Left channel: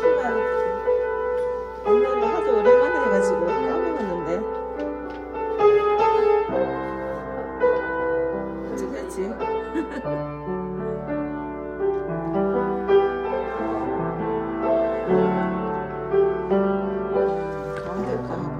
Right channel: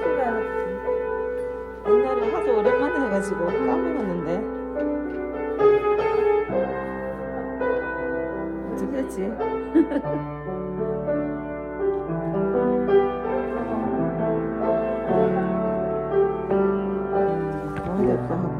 실시간 옛날에 하도 오랜만에 해가지고 까먹었는데 어쩌겠지. 가운데 거 하고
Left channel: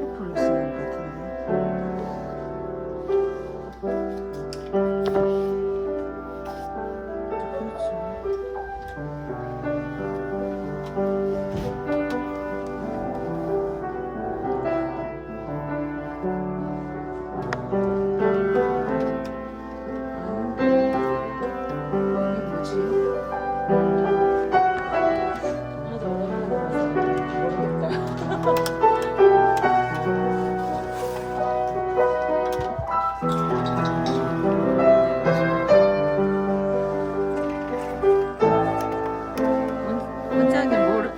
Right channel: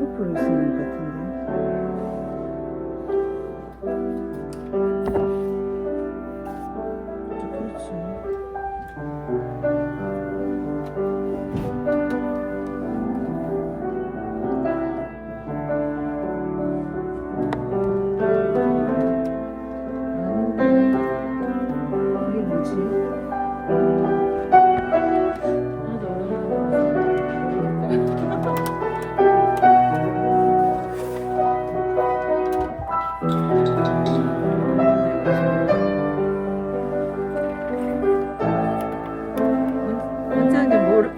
옆으로 있는 것 같은데. 이게 뭐지? 나 오랜만에 원장님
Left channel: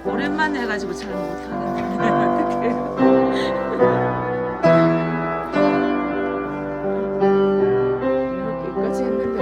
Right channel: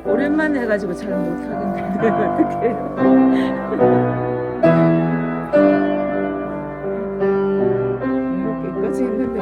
오랜만에 해가지고 잘 못하겠는데 어떡해. 여기까지 했는데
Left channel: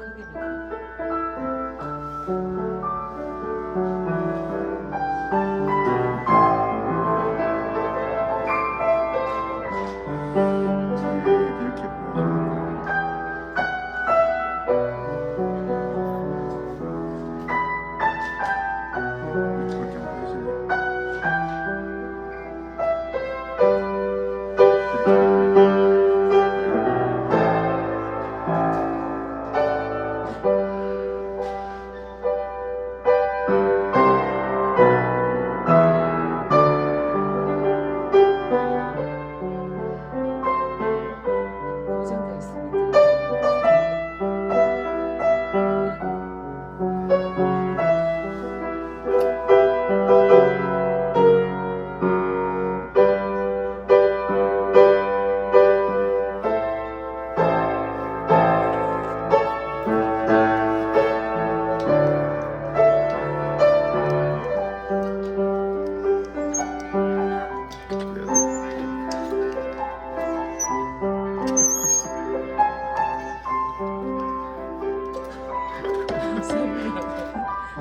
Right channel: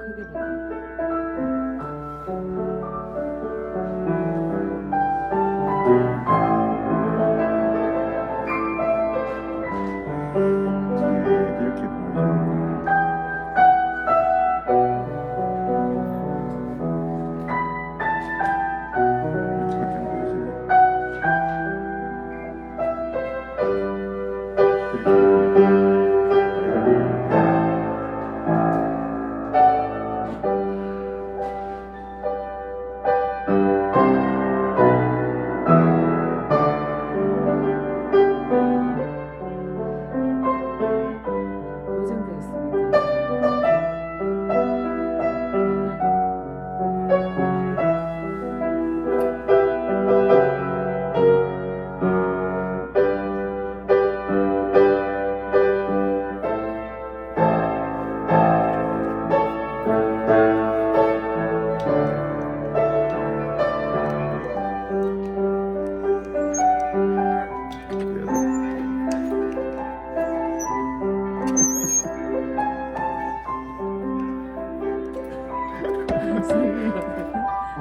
크게 보자. 이렇게 보여주는 거예요. 이렇게밖에 안 보여지네. 이렇게 고정되어 있습니다.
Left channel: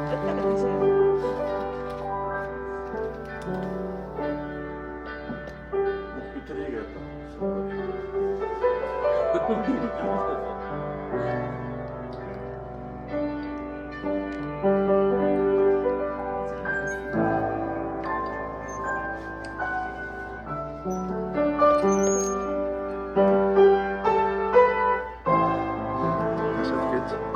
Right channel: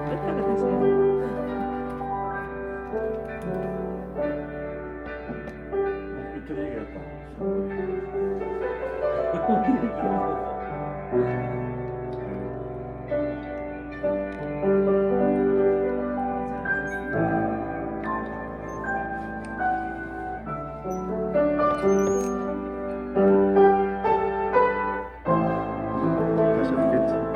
떴다가 다시 해요. 다시 하겠지. 시작하죠.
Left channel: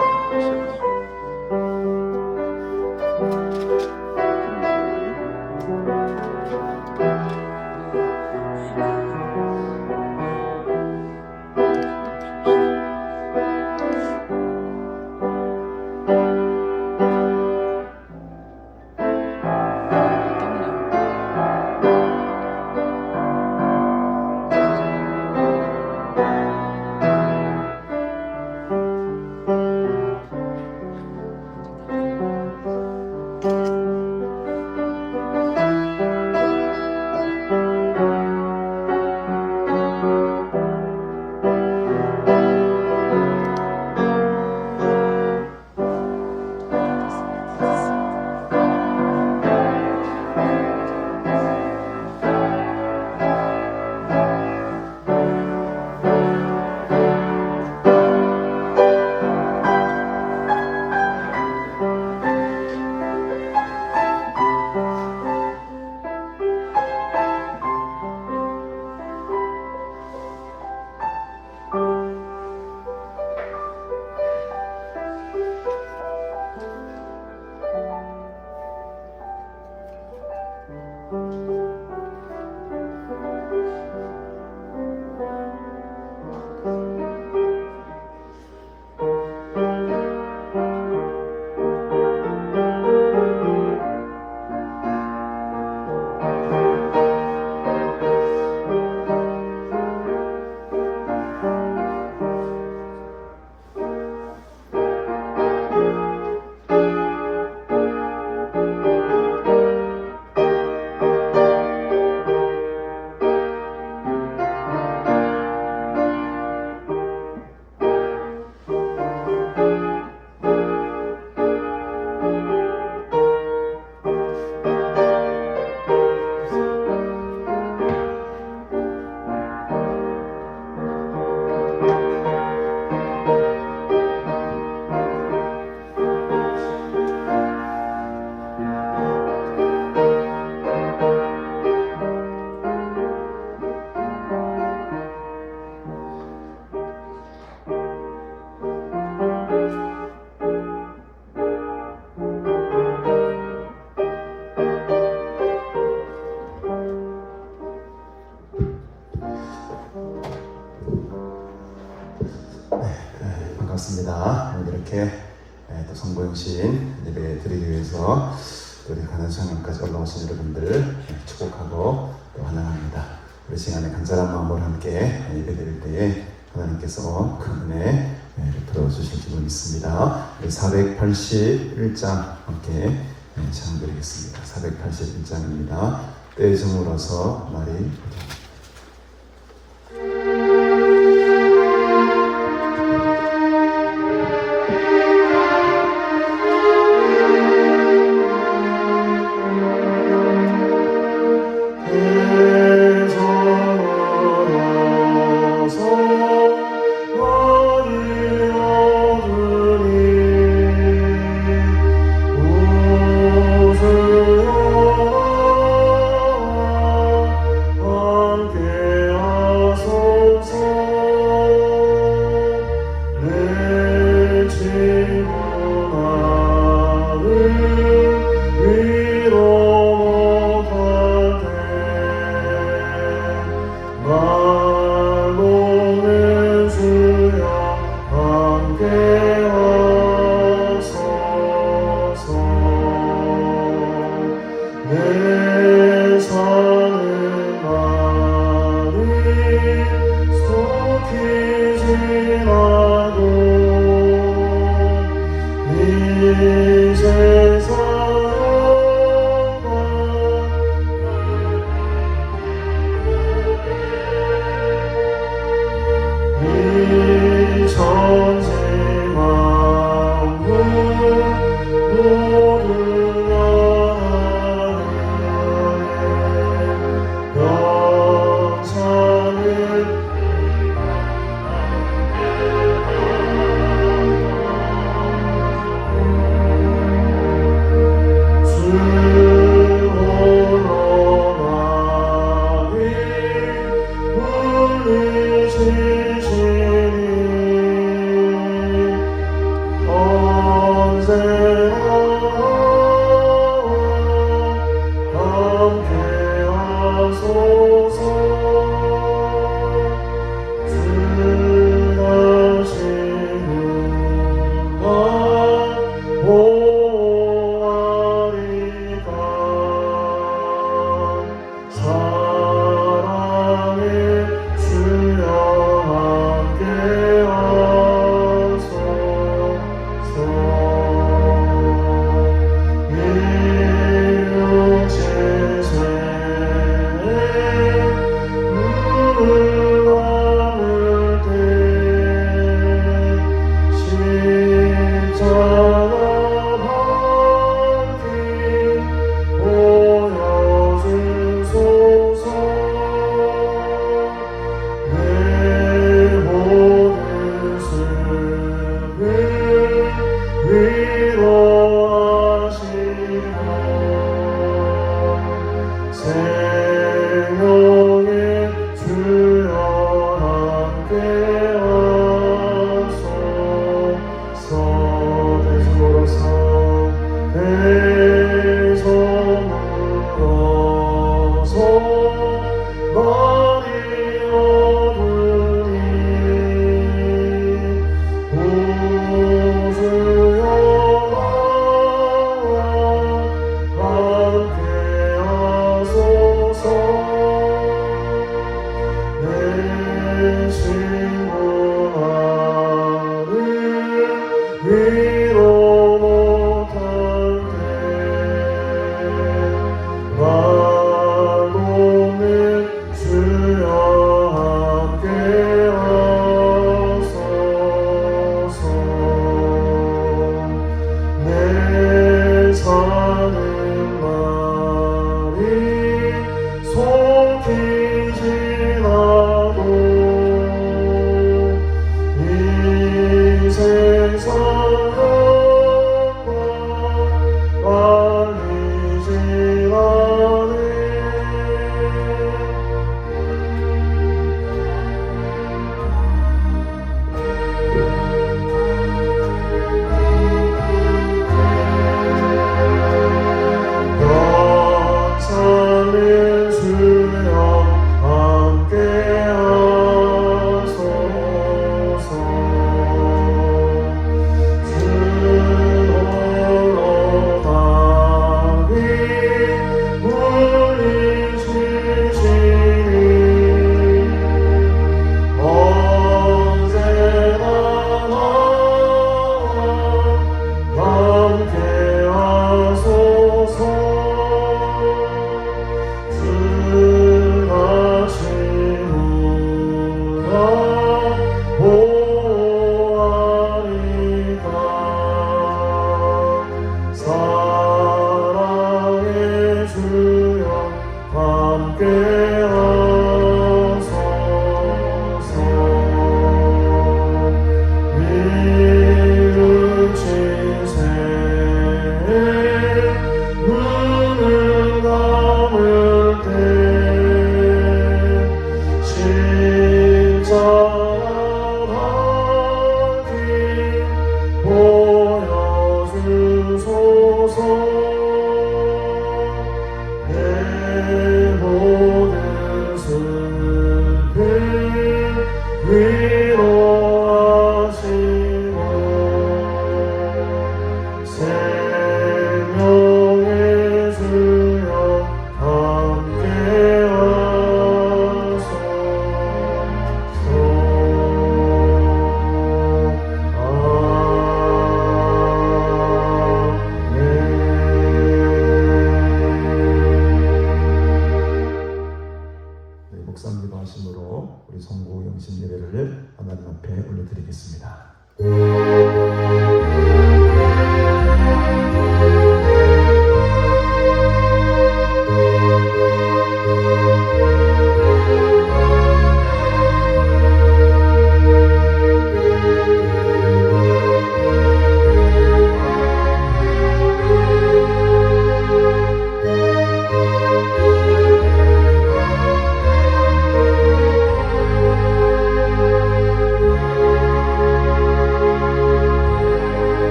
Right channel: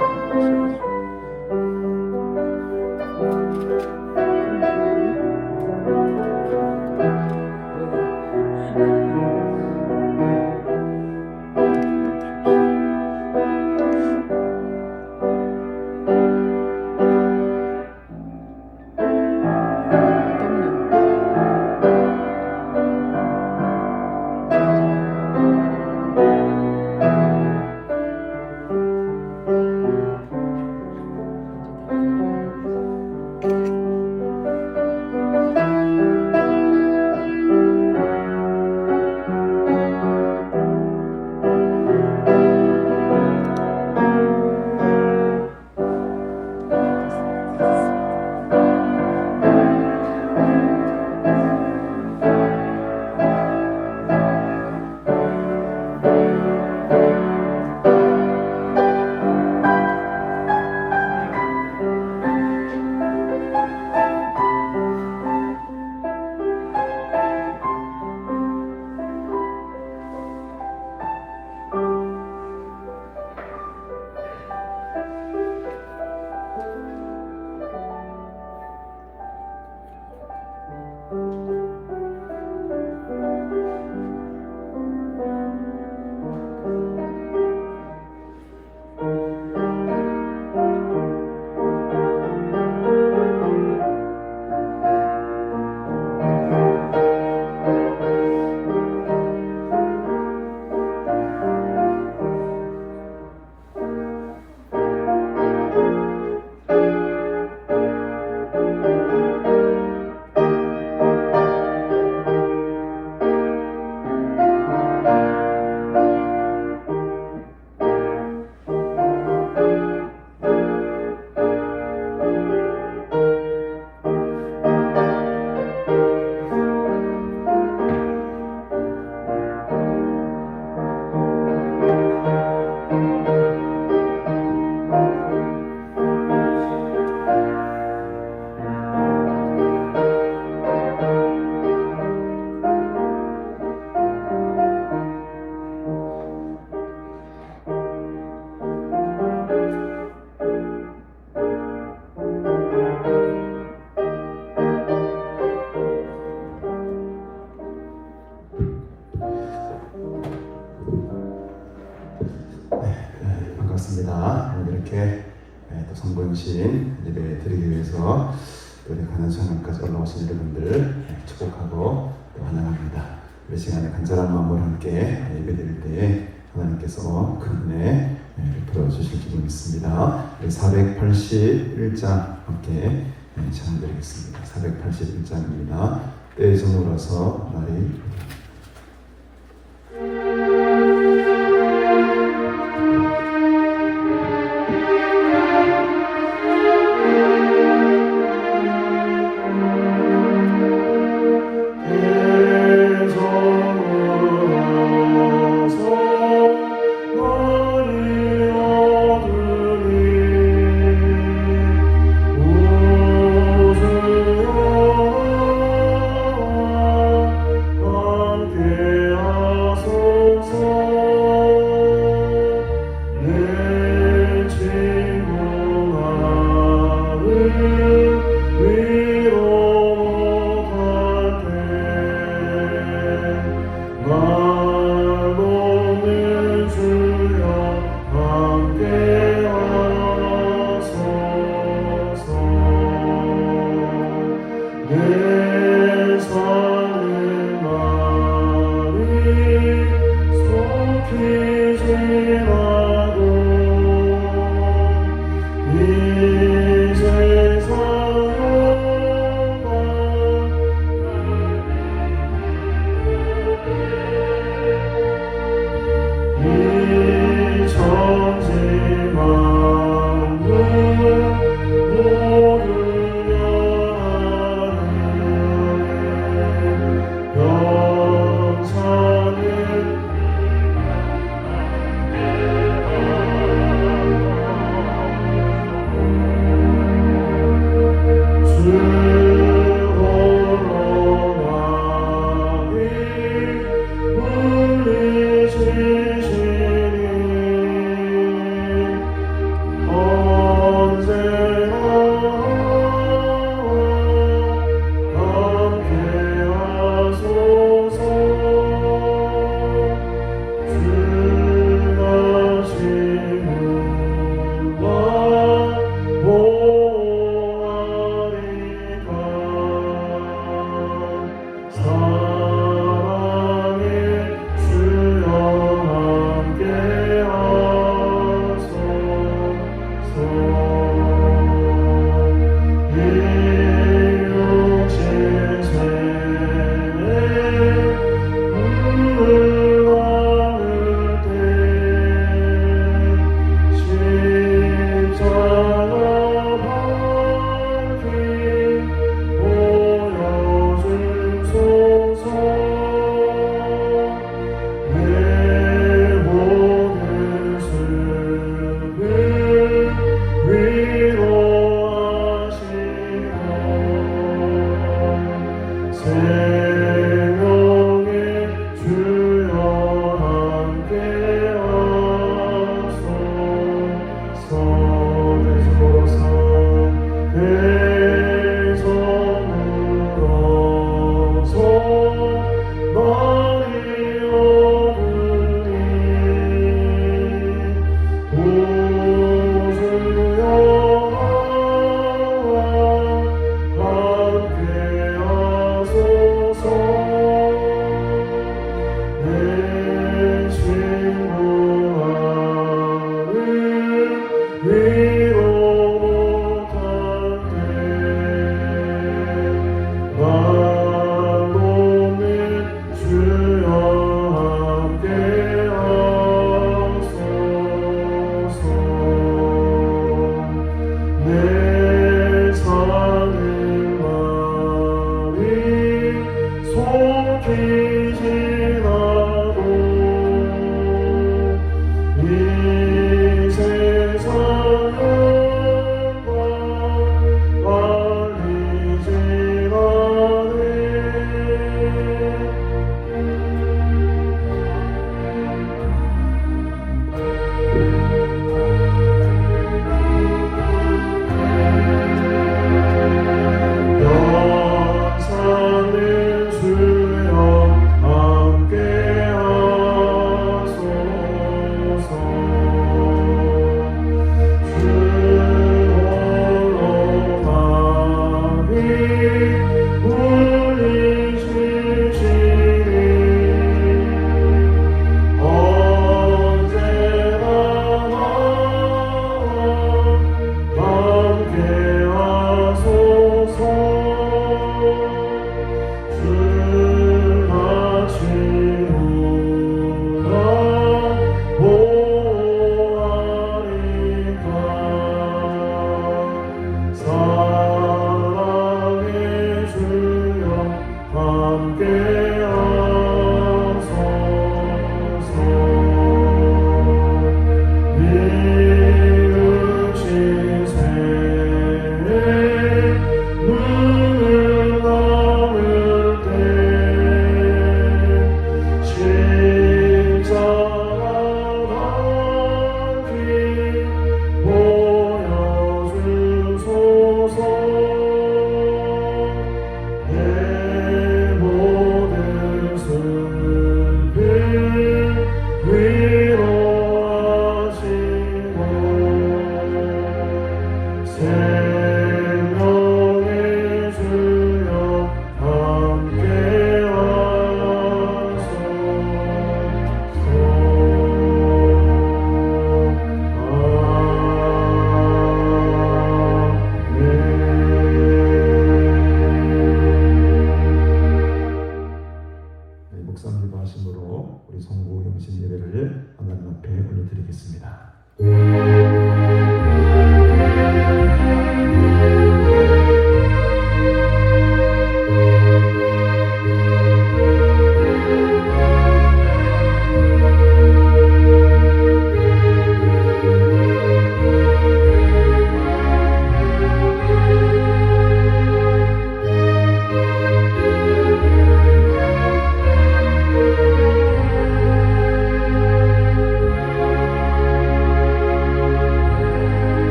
반갑습니다. 오늘 이렇게 또 성본신 예배 드리기 위해서 우리 가난성령까지 올라오신 여러분들 축복하고 또 환영합니다. 우리 시간에 간절한 마음으로 함께 예배 드릴 때에 하나님께서 큰 은혜 들어주실 줄 믿습니다. 481장 함께 찬양드리겠습니다. 481장입니다. 때에 저물어서 말이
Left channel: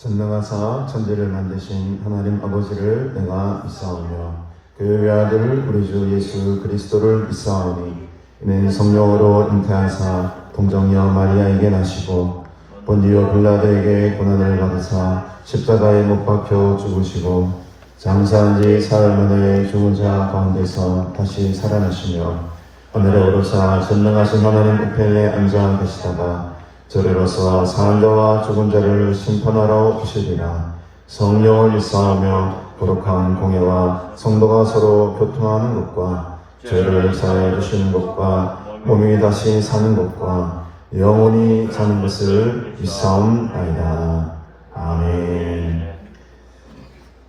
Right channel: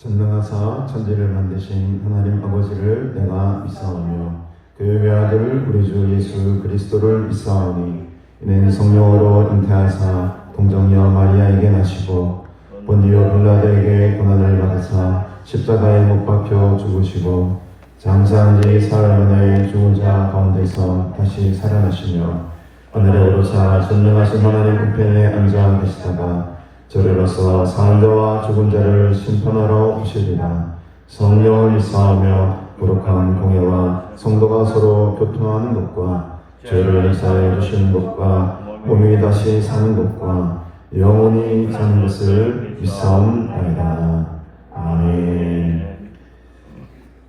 전능하사 천지를 만드신 하나님 아버지를 내가 믿사오며 그 외아들 우리 주 예수 그리스도를 믿사오니 이는 성령으로 잉태하사 동정녀 마리아에게 나시고 본디오 빌라도에게 고난을 받으사 십자가에 못 박혀 죽으시고 장사한 지 사흘 만에 죽은 자 가운데서 다시 살아나시며 하늘에 오르사 전능하신 하나님 우편에 앉아 계시다가 저리로서 사한 자와 죽은 자를 심판하러 오시리라. 성령을 믿사오며 거룩한 공예와 성도가 서로 교통하는 것과 죄를 사하여 주시는 것과 몸이 다시 사는 것과 영원히 사는 것을 믿사옵나이다. 아멘.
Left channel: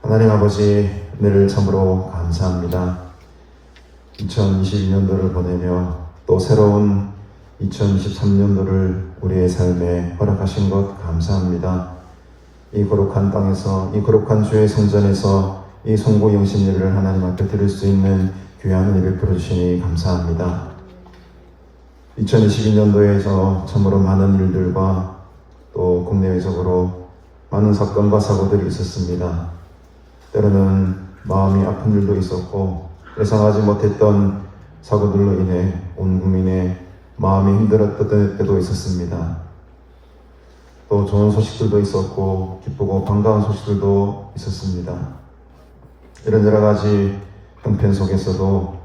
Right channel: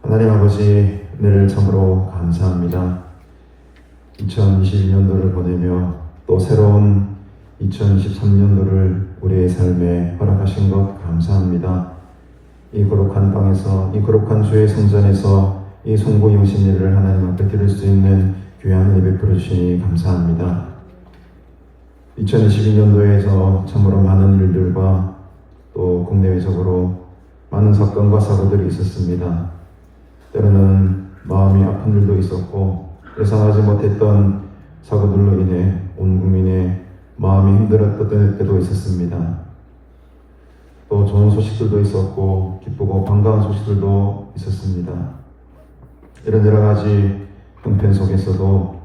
하나님 아버지, 은혜를 참으로 감사합니다. 2021년도를 보내며 또 새로운 2023년도를 우리의 삶에 허락하신 것 감사합니다. 이 거룩한 땅에서, 이 거룩한 주의 성전에서 이 성부 영신일을 하나님 앞에 드릴 수 있는 귀한 은혜 베풀어 주시니 감사합니다. 2022년도에서 참으로 많은 일들과 또 국내외적으로 많은 사건과 사고들이 있었습니다. 때로는 마음이 아픈 일도 있었고 예상하지 못했던 사고들로 인해 온 국민의 마음이 힘들었던 때도 있었습니다. 또 좋은 소식들도 있었고 기쁘고 반가운 소식들도 있었습니다. 이런 여러 가지 형편 속에서도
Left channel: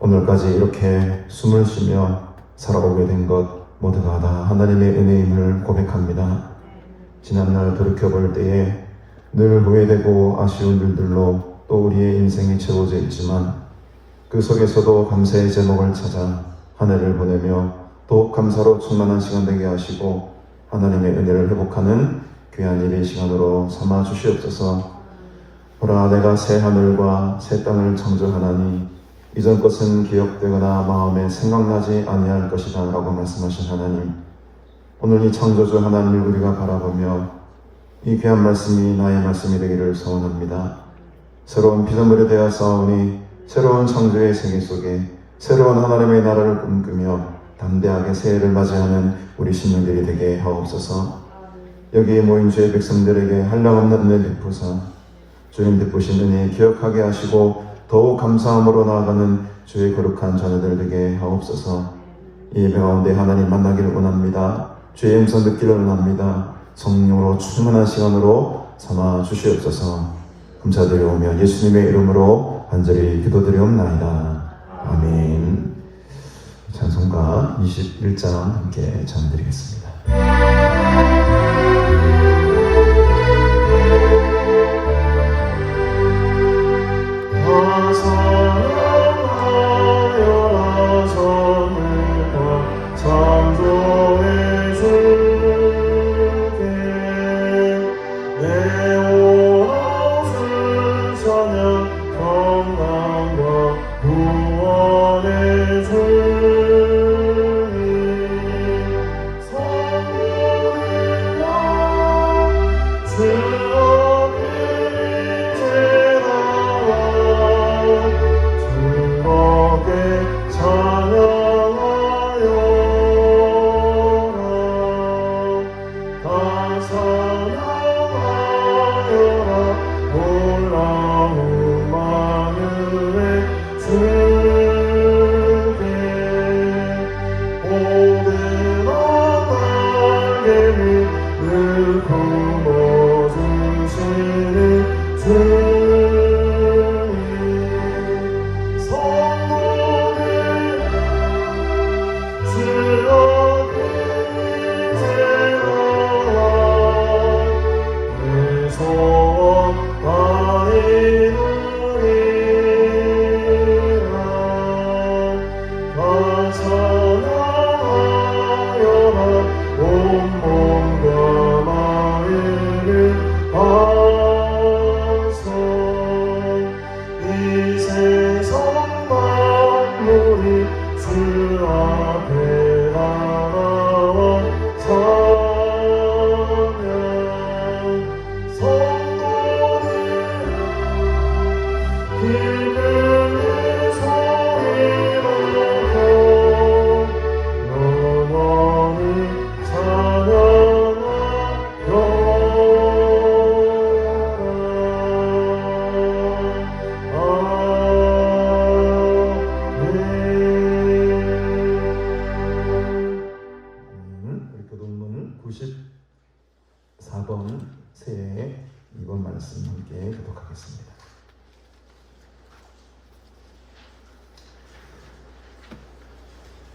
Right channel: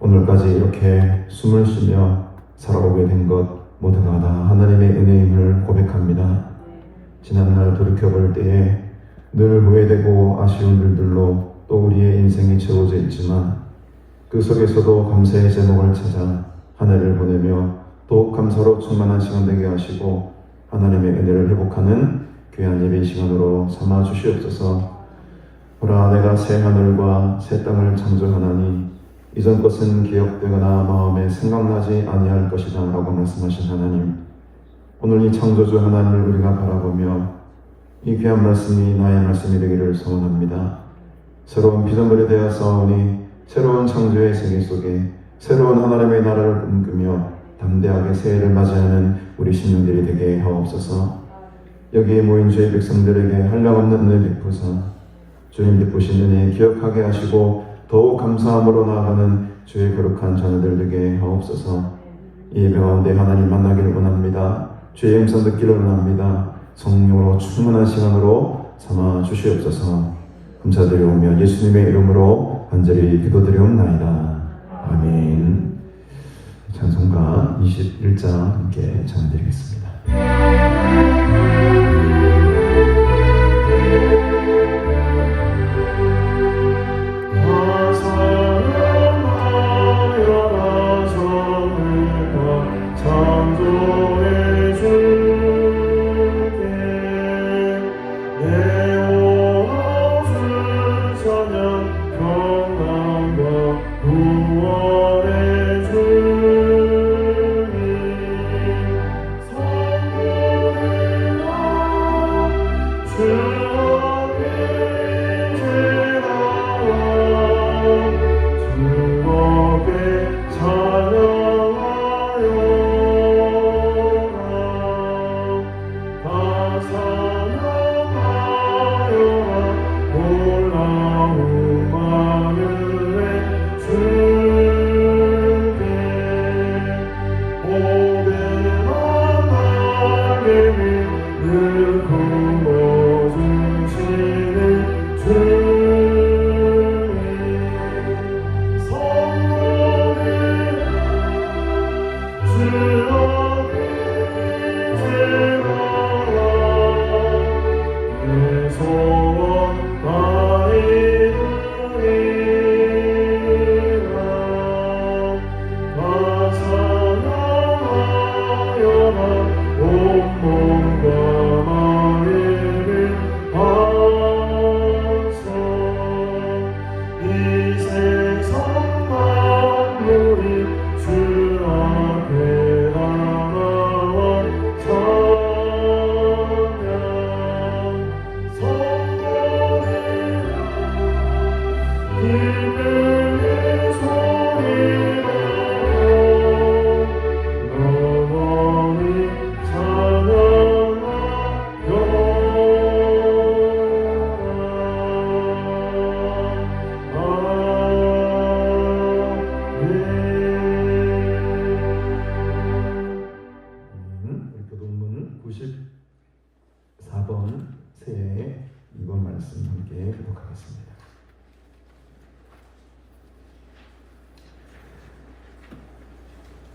오늘까지 이렇게 숨을 쉬며 살아오게 된 것 모두가 다 하나님의 은혜임을 고백합니다. 지난날 돌이켜볼 때에 늘 후회되고 아쉬운 일들로 또 우리의 인생이 채워져 있지만 그 속에서도 감사의 제목을 찾아 하늘을 보내며 또 감사로 충만한 시간 되게 하시고 하나님의 은혜를 회복하는 귀한 예배 시간으로 삼아 주시옵소서. 보라, 내가 새 하늘과 새 땅을 창조하나니 이전 것은 기억되거나 마음에 생각나지 아니할 것이다 라고 말씀하신 하나님, 오늘 이 창조주 하나님을 우리가 바라보며 이 귀한 말씀이 나의 말씀이 되기를 소원합니다. 새로운 피조물이 되어 싸우니 새로운 창조의 세계 속에 새로운 하나님의 나라를 꿈꾸며 담대하게 새해를 맞이하는 우리 시민들이 되게 하옵소서. 여기에 모인 주의 백성들에게 한량없는 은혜 베푸사 주님 베푸신 은혜 기억하게 하시고 더욱 감사함으로 나아가는 주의 거룩한 자녀들 되게 하옵소서. 이 예배 가운데 하나님 만나기를 원합니다. 주의 음성 듣기를 원합니다. 성령으로 충만한 시간으로 삼아 주시옵소서. 감사드리오며 예수님의 이름으로 간절히 기도드리옵나이다. 아멘. 찬송가 21장 함께 찬양드리겠습니다.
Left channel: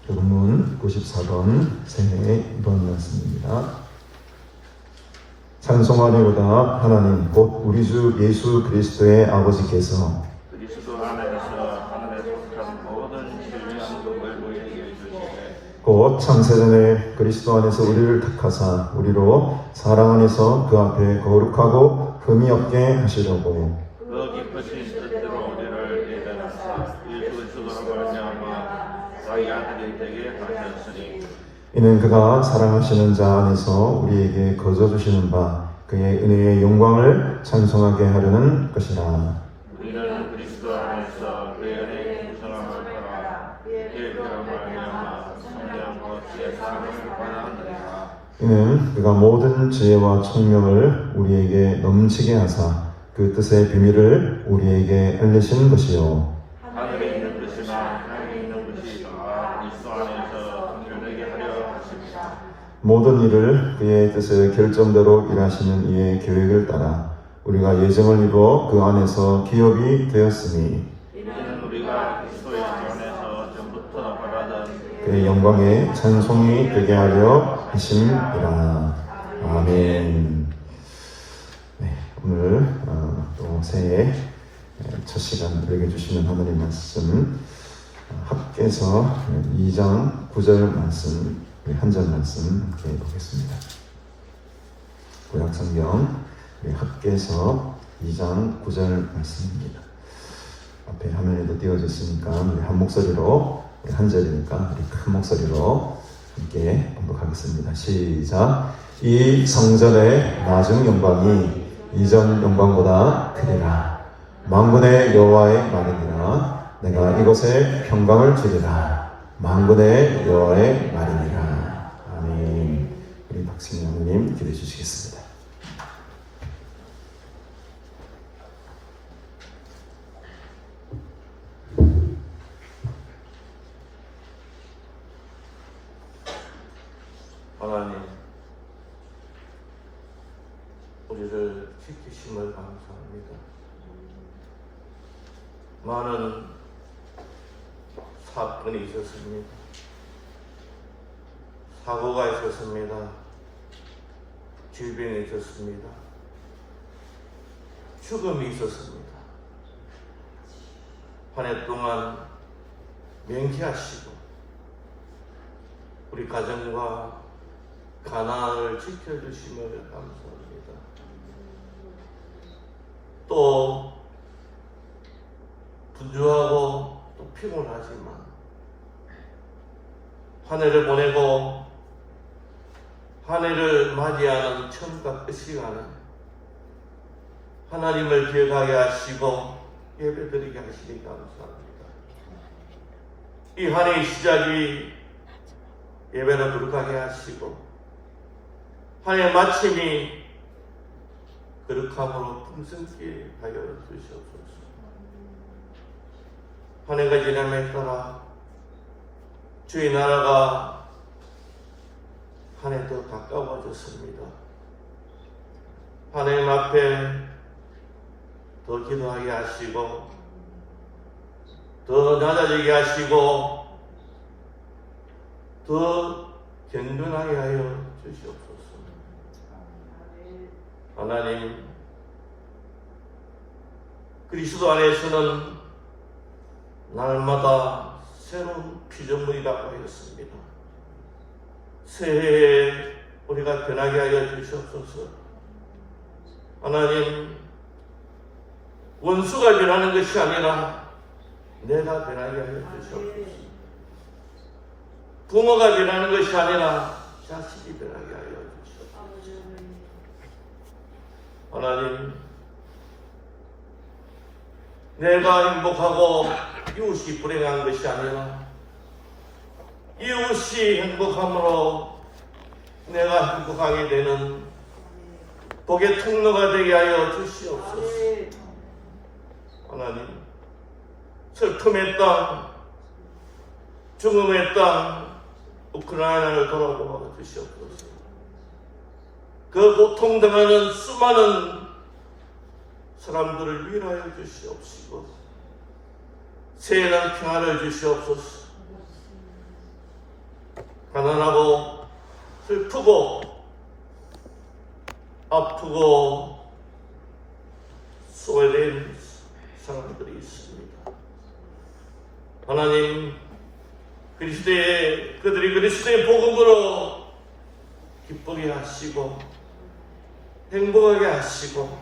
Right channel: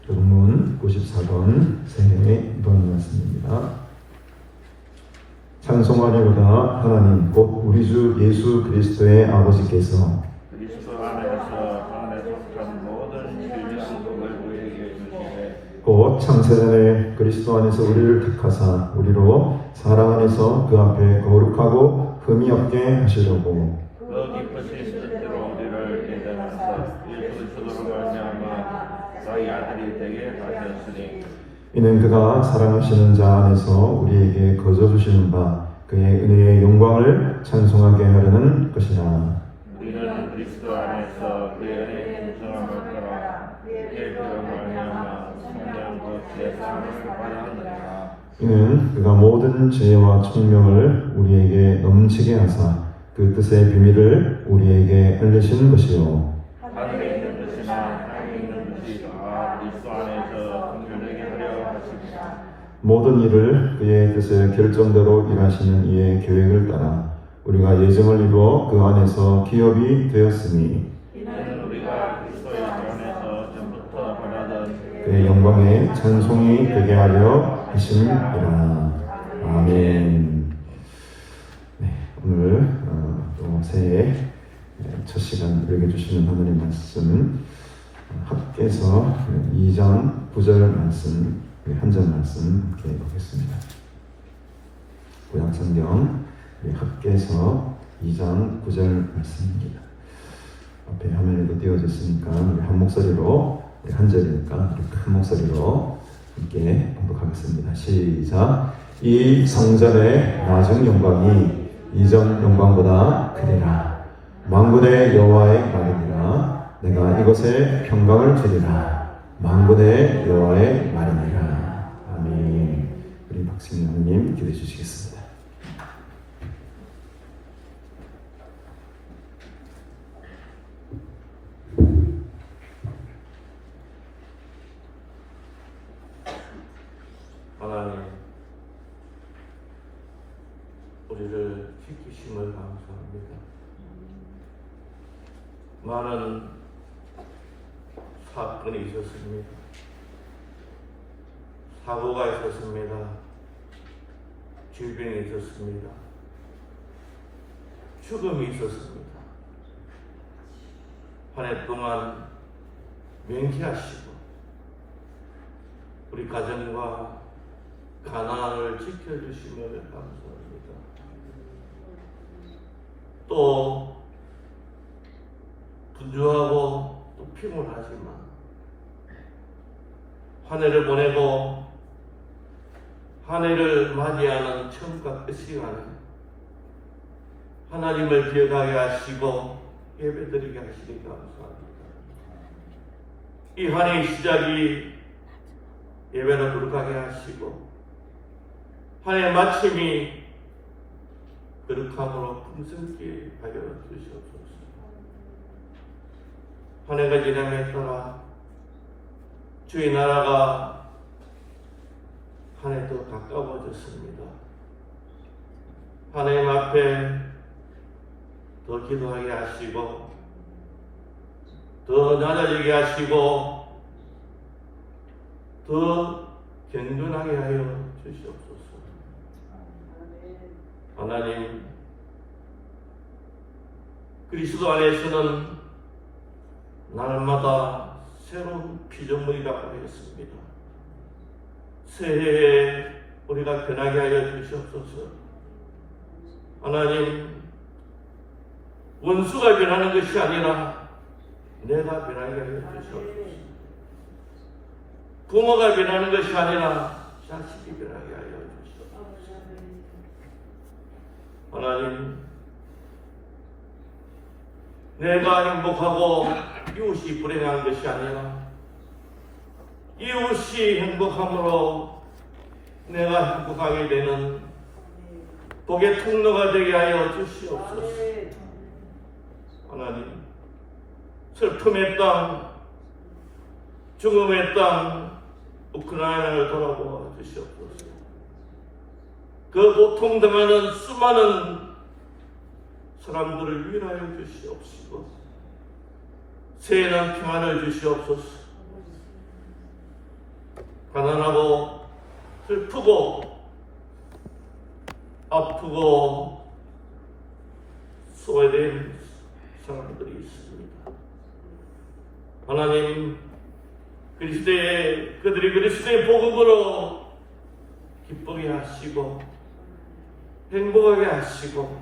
교동문 94번 새 2번 말씀입니다. 찬송하리로다. 하나님 곧 우리 주 예수 그리스도의 아버지께서 그리스도 안에서 하늘에서 산 모든 진리함을 우리에게 주시되 곧 창세전에 그리스도 안에서 우리를 택하사 우리로 사랑 안에서 그 앞에 거룩하고 흠이 없게 하시려고 그 기쁘신 뜻대로 우리를 예정하사 그 죽음으로 말미암아 자기 아들이 되게 하셨으니 이는 그가 사랑하시는 자 안에서 우리에게 거저 주시는 바 그의 은혜의 영광을 찬송하게 하려는 것이라. 우리는 그리스도 안에서 그의 은혜의 풍성함을 따라 그의 피로 말미암아 성령 곧 예수님을 받았느니라. 이는 그가 모든 지혜와 총명을 우리에게 넘치게 하사 그 뜻의 비밀을 우리에게 알리신 것이요 하늘에 있는 것이나 하늘에 있는 것이 그리스도 안에서 성령에게 하려 하십니다. 모든 일을 그의 뜻의 결정대로 일하시는 이의 계획을 따라 우리가 예정을 이루어 그 안에서 기업이 되었으니 이는 그의 영광에 찬송이 되게 하려 하심이라. 아멘. 네, 오늘 또 새해 첫 시간 읽어주시는 하나님 말씀 학개서 2장 9절 말씀 한 절 말씀 함께 보겠습니다. 구약성경 학개서 2장 9절 말씀입니다. 앞에 화면에도 띄워졌으니까 우리 한 목소리로 한 절이니까 우리 큰 목소리로 함께 공독하겠습니다. 시작. 이 성전의 나중 영광이 이전 영광보다 크리라. 만군의 여호와의 말이니라. 내가 이곳에 평강을 주리라. 만군의 여호와의 말이니라. 아멘. 우리 박신영님 기도해 주시겠습니다. 하나님, 우리를 지키심을 감사합니다. 많은 사건이 있었습니다. 사고가 있었습니다. 질병이 있었습니다. 죽음이 있었습니다. 한 해 동안 명쾌하시고 우리 가정과 가난을 지켜주시며 감사합니다. 또 분주하고 또 피곤하지만 한 해를 보내고 한 해를 맞이하는 처음과 끝 시간에 하나님을 기억하게 하시고 예배드리게 하시니 감사합니다. 이 한 해의 시작이 예배를 거룩하게 하시고 한 해의 마침이 거룩함으로 풍성케 하여 주시옵소서. 한 해가 지남에 따라 주의 나라가 한 해 더 가까워졌습니다. 하나님 앞에 더 기도하게 하시고 더 낮아지게 하시고 더 경건하게 하여 주시옵소서. 하나님, 그리스도 안에서는 날마다 새로운 피조물이 다가였습니다. 새해에 우리가 변하게 하여 주시옵소서. 하나님, 원수가 변하는 것이 아니라 내가 변하게 하여 주시옵소서. 부모가 변하는 것이 아니라 자식이 변하게 하여 주시옵소서. 하나님, 내가 행복하고 이웃이 불행한 것이 아니라 이웃이 행복함으로 내가 행복하게 되는 복의 통로가 되게 하여 주시옵소서. 하나님, 슬픔의 땅, 죽음의 땅, 우크라이나를 돌아보아 주시옵소서. 그 고통당하는 수많은 사람들을 위로하여 주시옵시고 새해난 평안을 주시옵소서. 가난하고 슬프고 아프고 소외된 사람들이 있습니다. 하나님, 그들이 그리스도의 복음으로 기쁘게 하시고 행복하게 하시고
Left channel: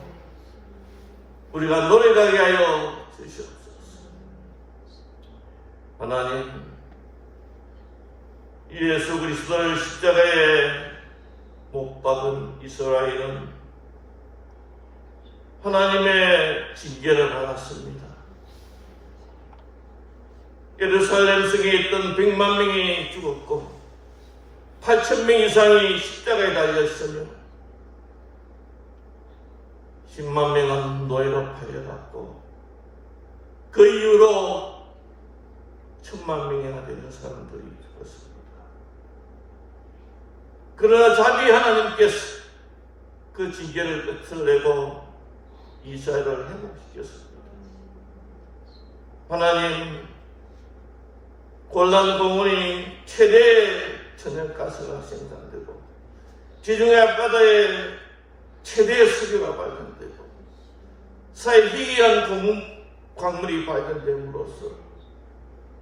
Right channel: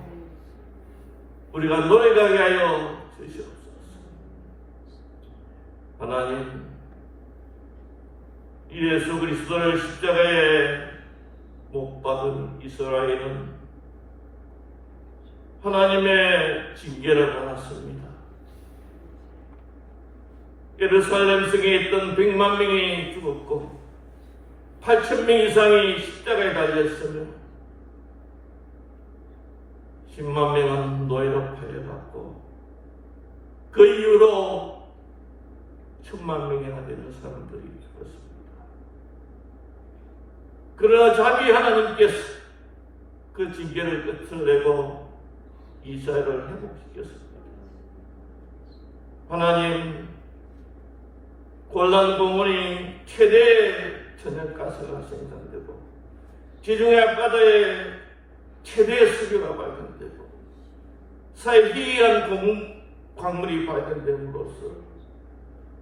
우리가 노래하게 하여 주시옵소서. 하나님, 예수 그리스도를 십자가에 못 박은 이스라엘은 하나님의 징계를 받았습니다. 예루살렘 성에 있던 100만 명이 죽었고 8,000명 이상이 십자가에 달렸으며 10만 명은 노예로 팔려갔고 그 이후로 1,000만 명이나 되는 사람들이 죽었습니다. 그러나 자비 하나님께서 그 징계를 끝을 내고 이스라엘을 회복시켰습니다. 하나님, 골란 공원이 최대의 천연가스가 생산되고 지중해 앞바다에 최대의 석유가 발견되고 사회 희귀한 광물이 발견됨으로써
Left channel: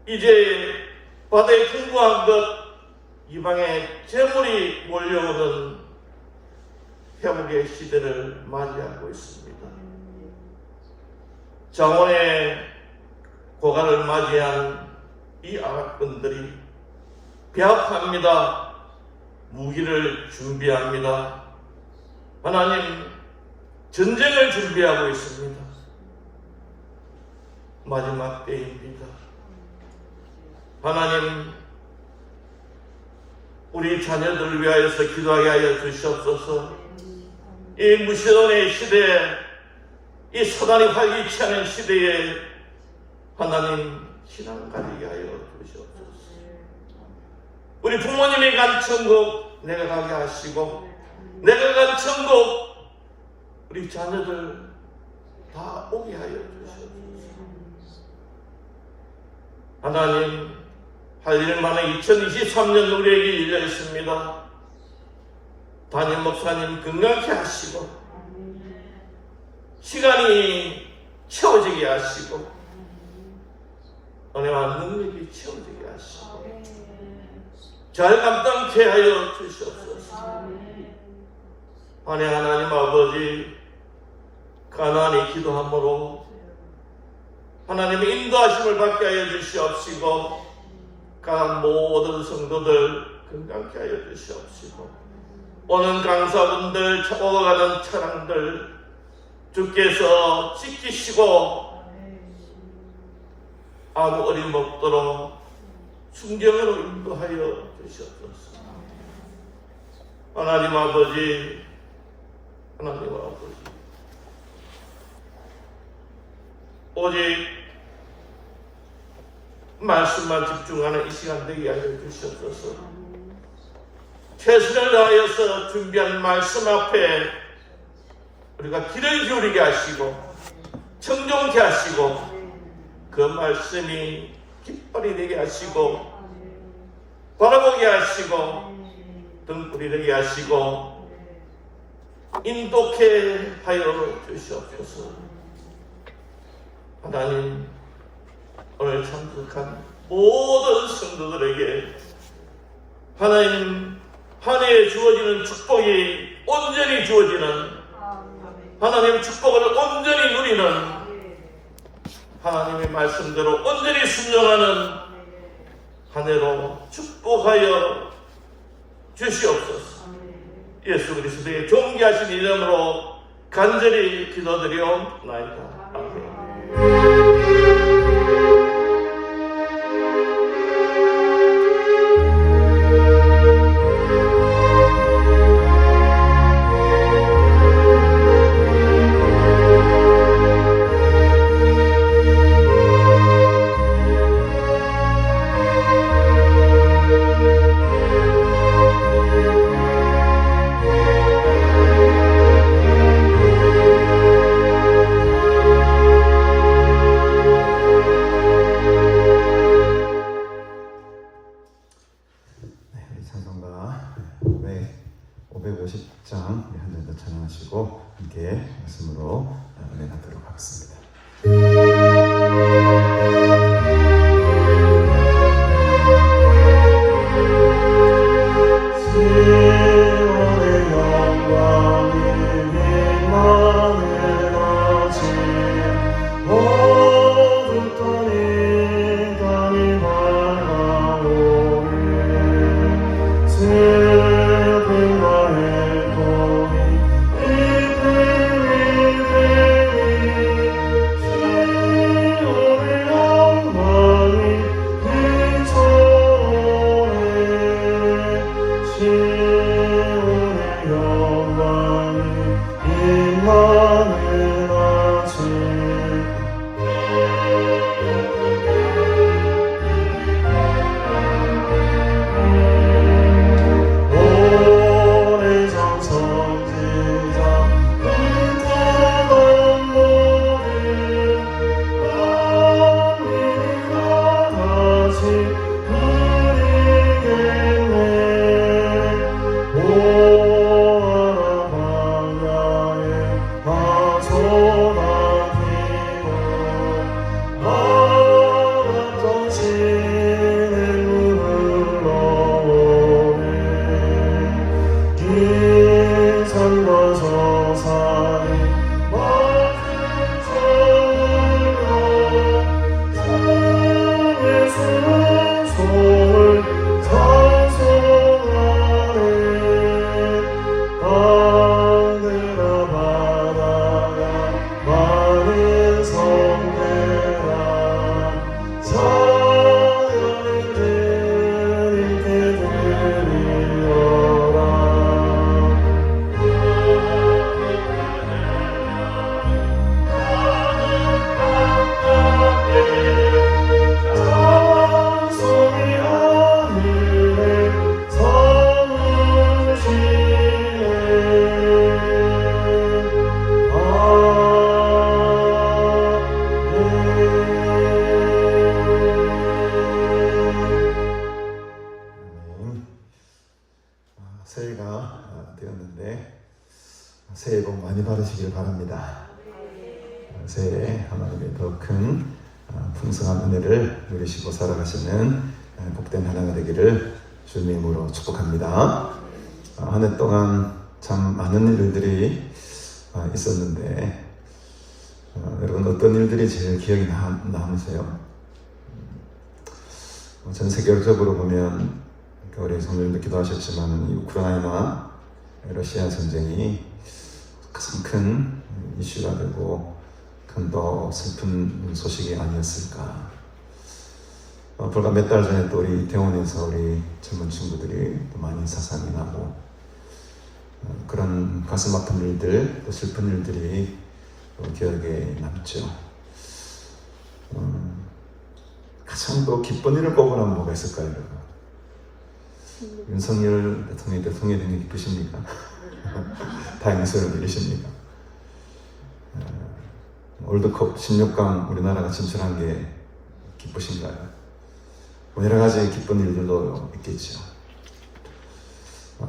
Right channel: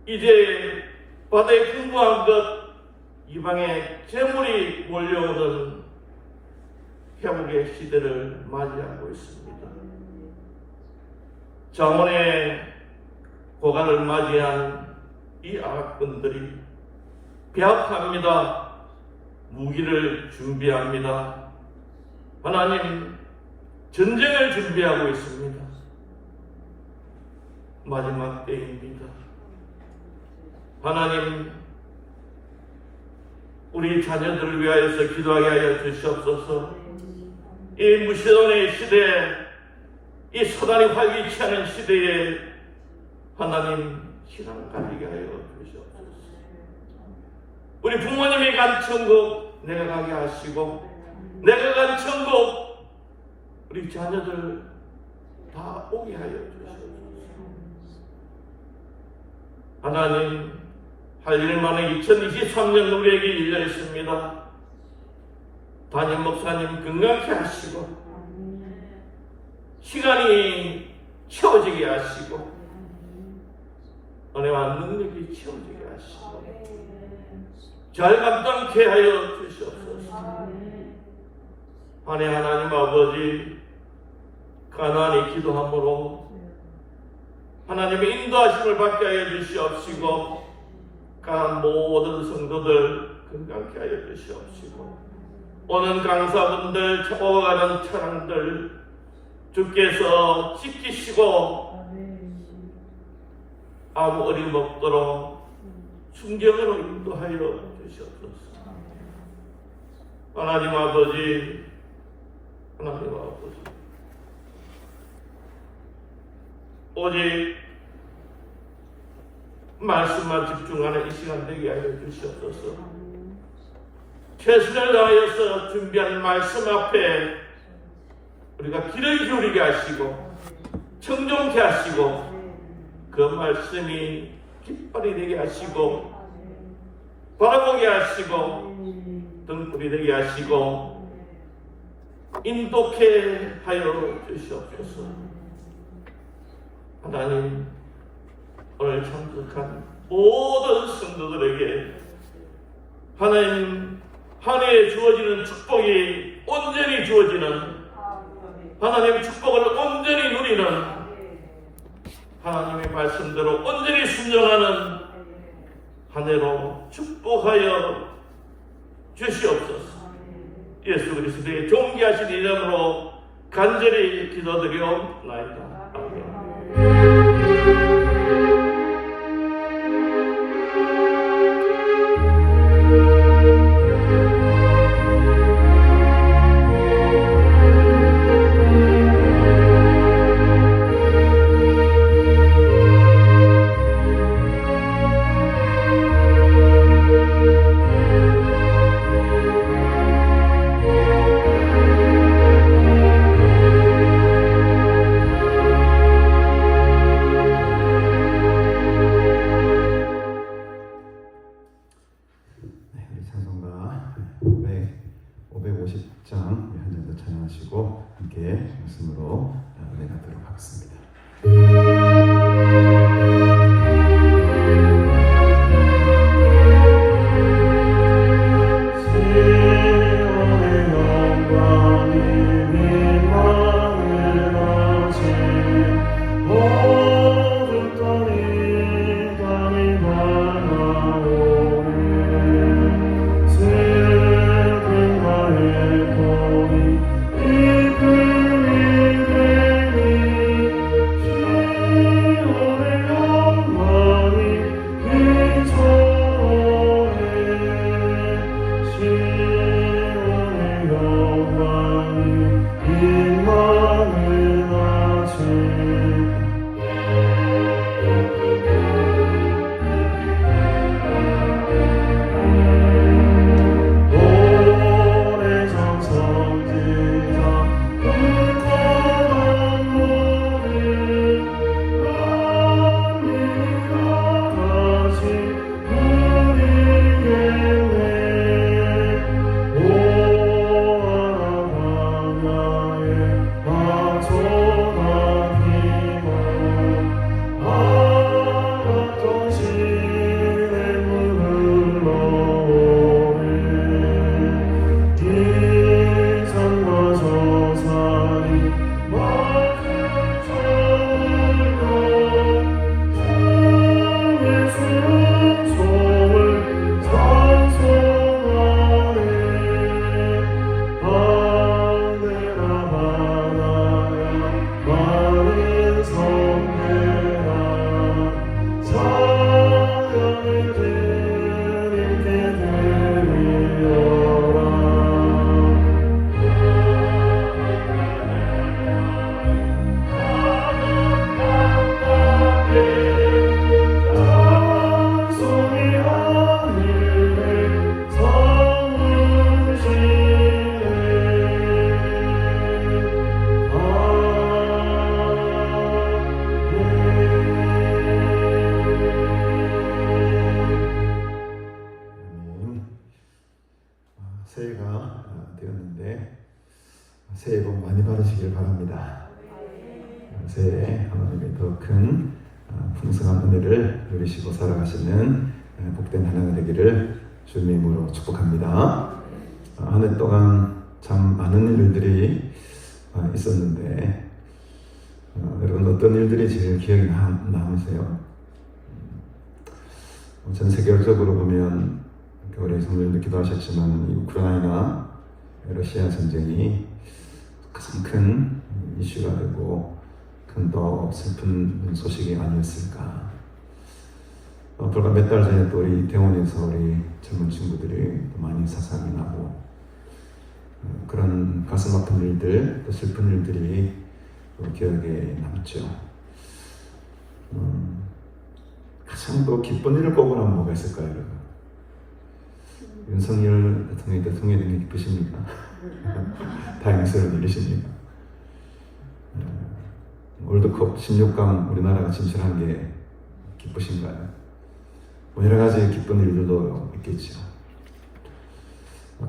이제 바다에 풍부한 것 이방의 재물이 몰려오는 회복의 시대를 맞이하고 있습니다. 장원의 고가를 맞이한 이 아랍군들이 배합합니다. 무기를 준비합니다. 하나님 전쟁을 준비하고 있습니다. 마지막 때입니다. 하나님 우리 자녀들을 위하여서 기도하게 하여 주시옵소서. 이 무시론의 시대에 이 사단이 활기차는 시대에 하나님 신앙 가지게 하여 주시옵소서. 우리 부모님이 간 천국 내려가게 하시고 내가 간 천국 우리 자녀들 다 오게 하여 주시옵소서. 하나님 할 일만에 2023년 우리에게 열려 있습니다. 담임 목사님 건강케 하시고 시간이 채워지게 하시고 은혜와 능력이 채워지게 하시고 잘 감당케 하여 주시옵소서. 아내 하나님 아버지 가난히 기도함으로 하나님의 인도하심을 받게 하여 주시옵시고 강한 모든 성도들 건강케 하여 주시옵시고 오는 강사분들 오고 가는 차량들 주께서 지키시고 아무 어림없도록 순경으로 인도하여 주시옵소서. 하나님 아버지 하나님 아버지 오직 말씀만 집중하는 이 시간 되게 하여 주시옵소서. 최선을 다하여서 준비한 말씀 앞에 우리가 귀를 기울이게 하시고 청종케 하시고 그 말씀이 깃발이 되게 하시고 바라보게 하시고 등불이 되게 하시고 인도케 하여 주시옵소서. 하나님 오늘 참석한 모든 성도들에게 하나님 한 해에 주어지는 축복이 온전히 주어지는 하나님 축복을 온전히 누리는 하나님의 말씀대로 온전히 순종하는 한 해로 축복하여 주시옵소서. 예수 그리스도의 존귀하신 이름으로 간절히 기도드리옵나이다. 아멘. 더 큰 풍성한 은혜를 누리시고 살아가시는 복된 한 해가 되기를 주님으로 축복합니다. 한 해 동안 참 많은 일들이 있었는데 여러분 어떤 일들이 제일 기억에 남으세요? 전 세계적으로 보면 우리 성도님도 기도하셨지만 이 우크라이나 러시아 전쟁이 가장 큰 이슈가 되고 큰 더 슬픈 소식이 아니었을까. 불과 몇 달 전에 또 우리 이태원에서 우리 젊은 친구들이 많이 사상이 나고 그런 가슴 아픈 일들, 또 슬픈 일들이 기억에 남죠. 가장 또 기쁜 일을 꼽으면 뭐가 있을까요? 윤석열 대통령이 되는 게 기쁘십니까? 다행히 소를 빌리십니다. 월드컵 16강 우리나라가 진출한 게 기쁘신가요? 여러 가지 기쁜 일들도 있겠죠.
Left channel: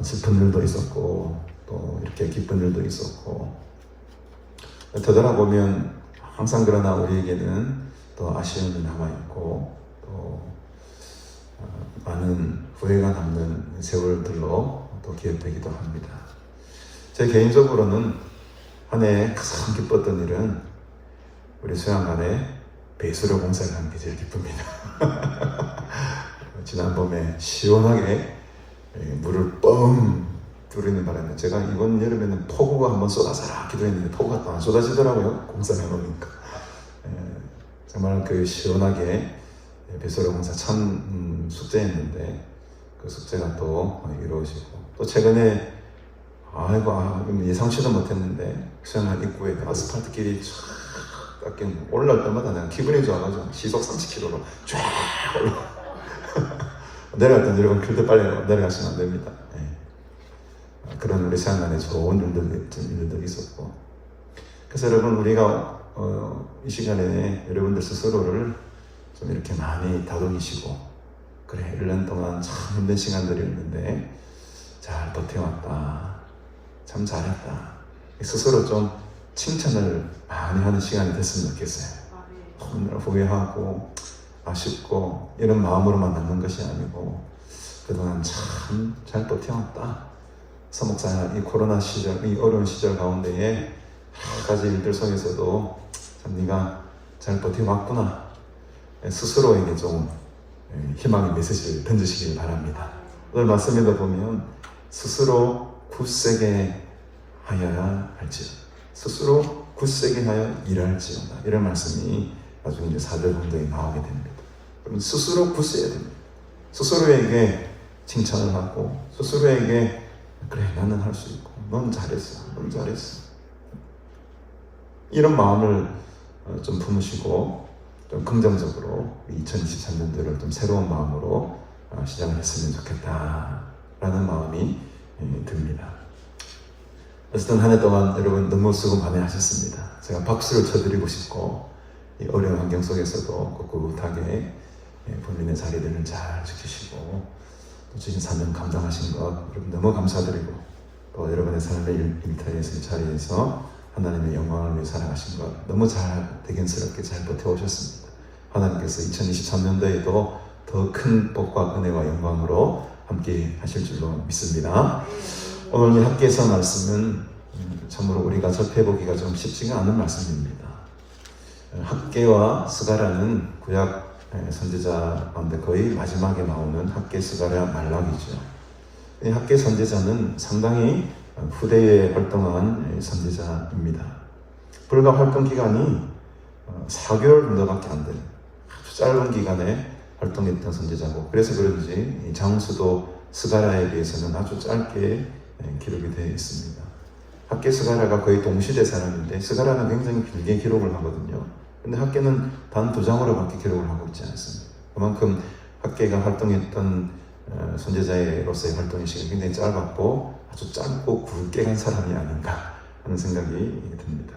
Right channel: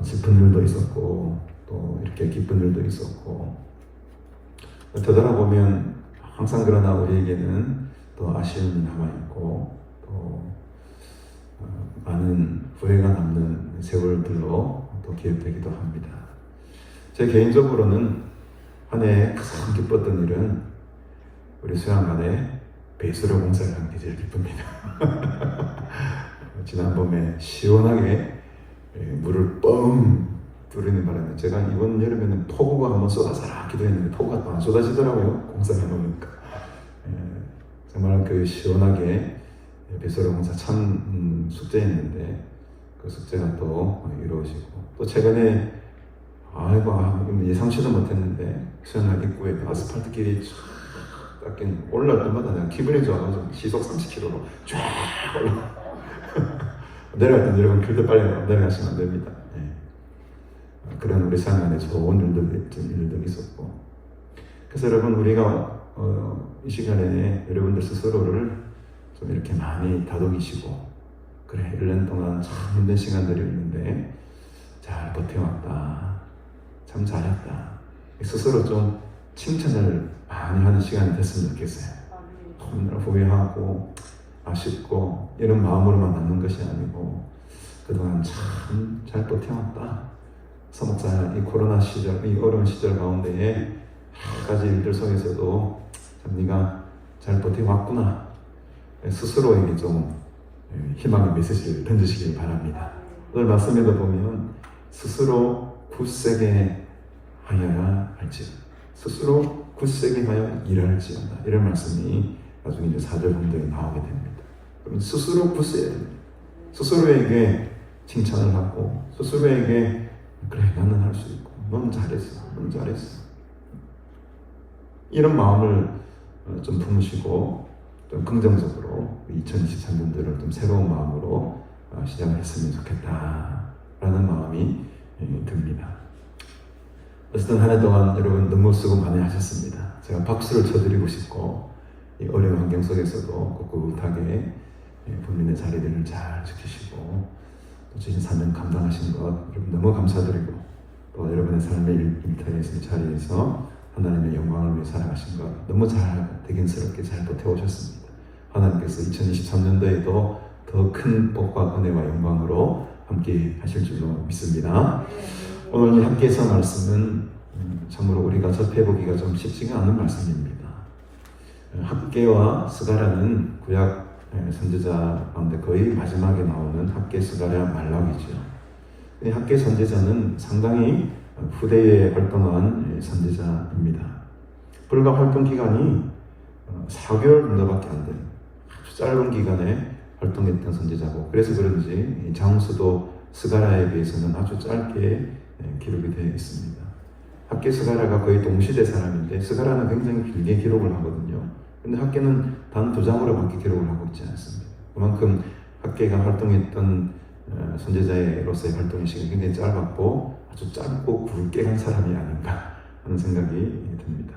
슬픈 일도 있었고 또 이렇게 기쁜 일도 있었고 되돌아보면 항상 그러나 우리에게는 또 아쉬움이 남아있고 또 많은 후회가 남는 세월들로 또 기억되기도 합니다. 제 개인적으로는 한 해 가장 기뻤던 일은 우리 수양관에 배수로 공사를 한 게 제일 기쁩니다. 지난번에 시원하게 물을 뻥 뿌리는 바람에 제가 이번 여름에는 폭우가 한번 쏟아져라 기도했는데 폭우가 또 안 쏟아지더라고요. 공사를 해보니까 정말 그 시원하게 배수로 공사 참 숙제였는데 그 숙제가 또 이루어지고 또 최근에 예상치도 못했는데 수양관 입구에 아스팔트 길이 쫙 깎인 올라올 때마다 내가 기분이 좋아가지고 시속 30km로 쫙 올라 내려갈 때 여러분 길도 빨리 내려가시면 안 됩니다. 그런 우리 생활에 좋은 일도 있었고 그래서 여러분 우리가 이 시간에 여러분들 스스로를 좀 이렇게 많이 다독이시고 그래 1년 동안 참 힘든 시간들이었는데 잘 버텨왔다 참 잘했다 스스로 좀 칭찬을 많이 하는 시간이 됐으면 좋겠어요. 오늘 후회하고 아쉽고 이런 마음으로만 남는 것이 아니고 그동안 참 잘 버텨왔다. 서목자 이 코로나 시절, 이 어려운 시절 가운데에 여러 가지 일들 속에서도 참 네가 잘 버텨왔구나. 스스로에게 좀 희망의 메시지를 던지시기 바랍니다. 오늘 말씀에도 보면 스스로 굳세게 하여야 할지 스스로 굳세게 하여 일할지어다 이런 말씀이 나중에 이제 4절 정도에 나오게 됩니다. 그러면 스스로 굳세야 됩니다. 스스로에게 칭찬을 하고 스스로에게 그래 나는 할 수 있고 넌 잘했어 넌 잘했어 이런 마음을 좀 품으시고 좀 긍정적으로 2023년도를 좀 새로운 마음으로 시작했으면 좋겠다라는 마음이 듭니다. 어쨌든 한 해 동안 여러분 너무 수고 많이 하셨습니다. 제가 박수를 쳐드리고 싶고 이 어려운 환경 속에서도 꿋꿋하게 본인의 자리들을 잘 지키시고 또 주신 사명 감당하신 것 여러분 너무 감사드리고 또 여러분의 삶의 일터에서 자리에서 하나님의 영광을 위해 살아가신 것 너무 잘 대견스럽게 잘 버텨오셨습니다. 하나님께서 2023년도에도 더 큰 복과 은혜와 영광으로 함께 하실 줄로 믿습니다. 오늘 함께해서 말씀은 참으로 우리가 접해보기가 좀 쉽지가 않은 말씀입니다. 학개와 스가랴는 구약 선지자 가운데 거의 마지막에 나오는 학개 스가랴 말락이죠. 이 학개 선지자는 상당히 후대에 활동한 선지자입니다. 불과 활동 기간이 4개월 정도밖에 안 되는 아주 짧은 기간에 활동했던 선지자고 그래서 그런지 장수도 스가랴에 비해서는 아주 짧게 기록이 되어 있습니다. 학개 스가랴가 거의 동시대 사람인데 스가랴는 굉장히 길게 기록을 하거든요. 근데 학개는 단 2장으로밖에 기록을 하고 있지 않습니다. 그만큼 학개가 활동했던 선지자로서의 활동의 시간이 굉장히 짧았고 아주 짧고 굵게 간 사람이 아닌가 하는 생각이 듭니다.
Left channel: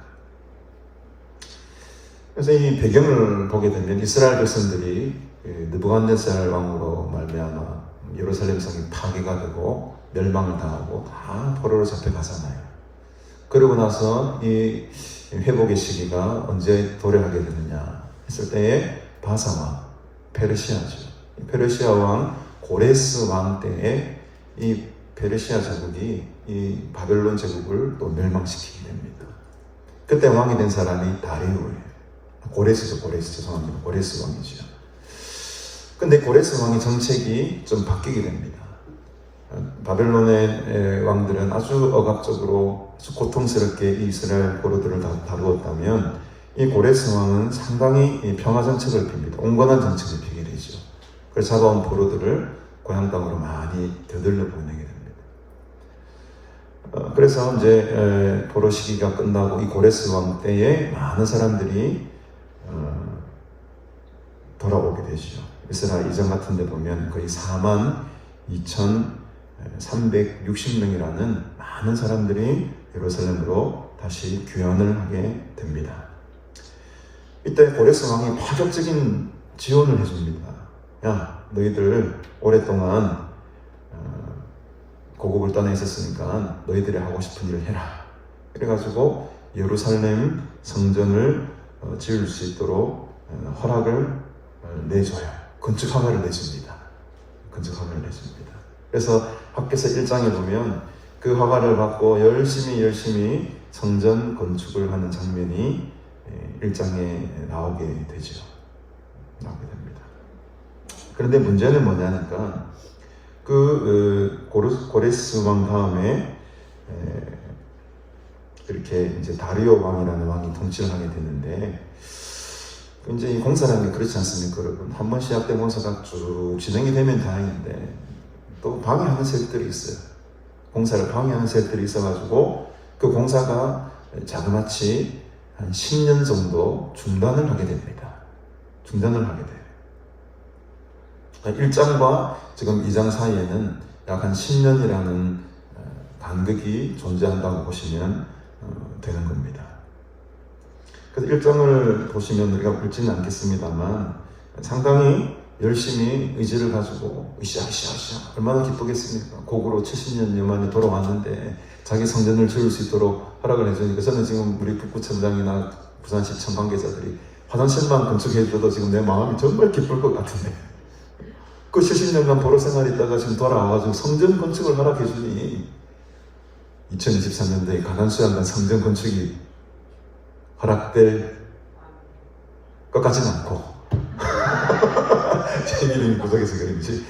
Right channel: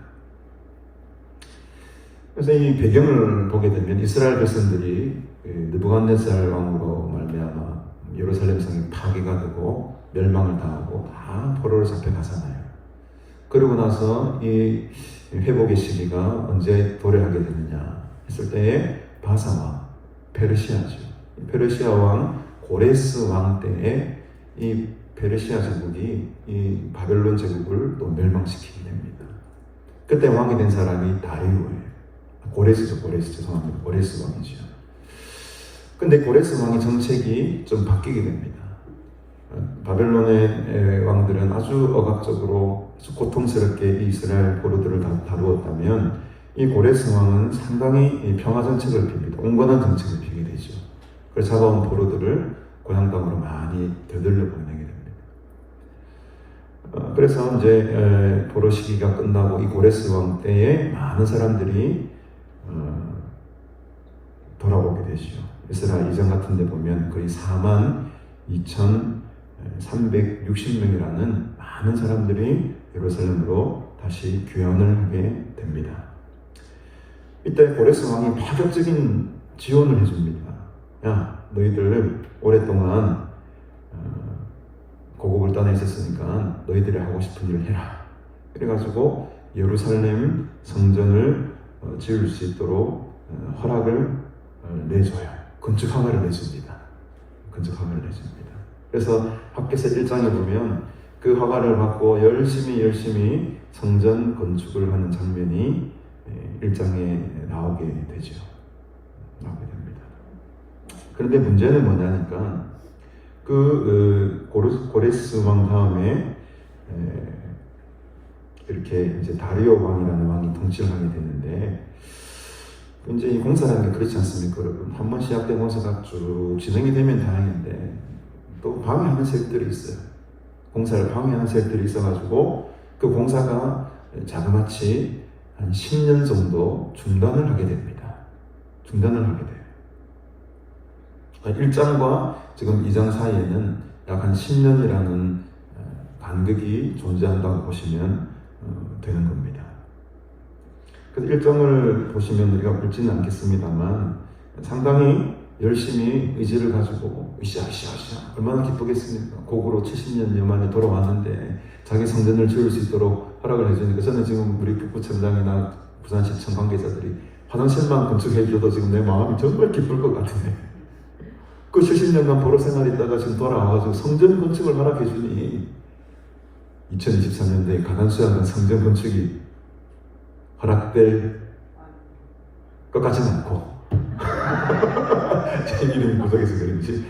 그래서 이 배경을 보게 되면 이스라엘 백성들이 느부갓네살 왕으로 말미암아 예루살렘 성이 파괴가 되고 멸망을 당하고 다 포로로 잡혀가잖아요. 그러고 나서 이 회복의 시기가 언제 도래하게 되느냐 했을 때에 바사와 페르시아죠. 페르시아 왕 고레스 왕 때에 이 페르시아 제국이 이 바벨론 제국을 또 멸망시키게 됩니다. 그때 왕이 된 사람이 다리오예요. 고레스 죄송합니다. 고레스 왕이죠. 근데 고레스 왕의 정책이 좀 바뀌게 됩니다. 바벨론의 왕들은 아주 억압적으로 아주 고통스럽게 이스라엘 포로들을 다루었다면 이 고레스 왕은 상당히 평화 정책을 핍니다. 온건한 정책을 피게 되죠. 그래서 잡아온 포로들을 고향 땅으로 많이 되돌려 보내게 됩니다. 그래서 이제 포로 시기가 끝나고 이 고레스 왕 때에 많은 사람들이 돌아오게 되죠. 이스라엘 이전 같은 데 보면 거의 42,360명이라는 많은 사람들이 예루살렘으로 다시 귀환을 하게 됩니다. 이때 고레스 왕이 파격적인 지원을 해줍니다. 야, 너희들 오랫동안 고국을 떠나 있었으니까 너희들이 하고 싶은 일을 해라. 그래가지고 예루살렘 성전을 지을 수 있도록 허락을 내줘요. 건축 허가를 내줍니다. 그래서 밖에서 1장에 보면 그 허가를 받고 열심히 성전 건축을 하는 장면이 1장에 나오게 되죠. 나오게 됩니다. 그런데 문제는 뭐냐니까 고레스 왕 다음에 이렇게 이제 다리오 왕이라는 왕이 통치를 하게 됐는데 이제 이 공사라는 게 그렇지 않습니까, 여러분? 한 번 시작된 공사가 쭉 진행이 되면 다행인데 또 방해하는 세력들이 있어요. 공사를 방해하는 세력들이 있어가지고 그 공사가 자그마치 한 10년 정도 중단을 하게 됩니다. 1장과 지금 2장 사이에는 약 한 10년이라는 간극이 존재한다고 보시면 되는 겁니다. 그래서 1장을 보시면 우리가 읽지는 않겠습니다만 상당히 열심히 의지를 가지고 으쌰 얼마나 기쁘겠습니까? 고구로 70년여 만에 돌아왔는데 자기 성전을 지을 수 있도록 허락을 해주니까 저는 지금 우리 북구청장이나 부산시청 관계자들이 화장실만 건축해줘도 지금 내 마음이 정말 기쁠 것 같은데 그 70년간 포로 생활했다가 지금 돌아와가지고 성전 건축을 허락해주니 2023년도에 가관수양간 성전 건축이 허락될 것 같지는 않고 제 이름이 구석에서 그런지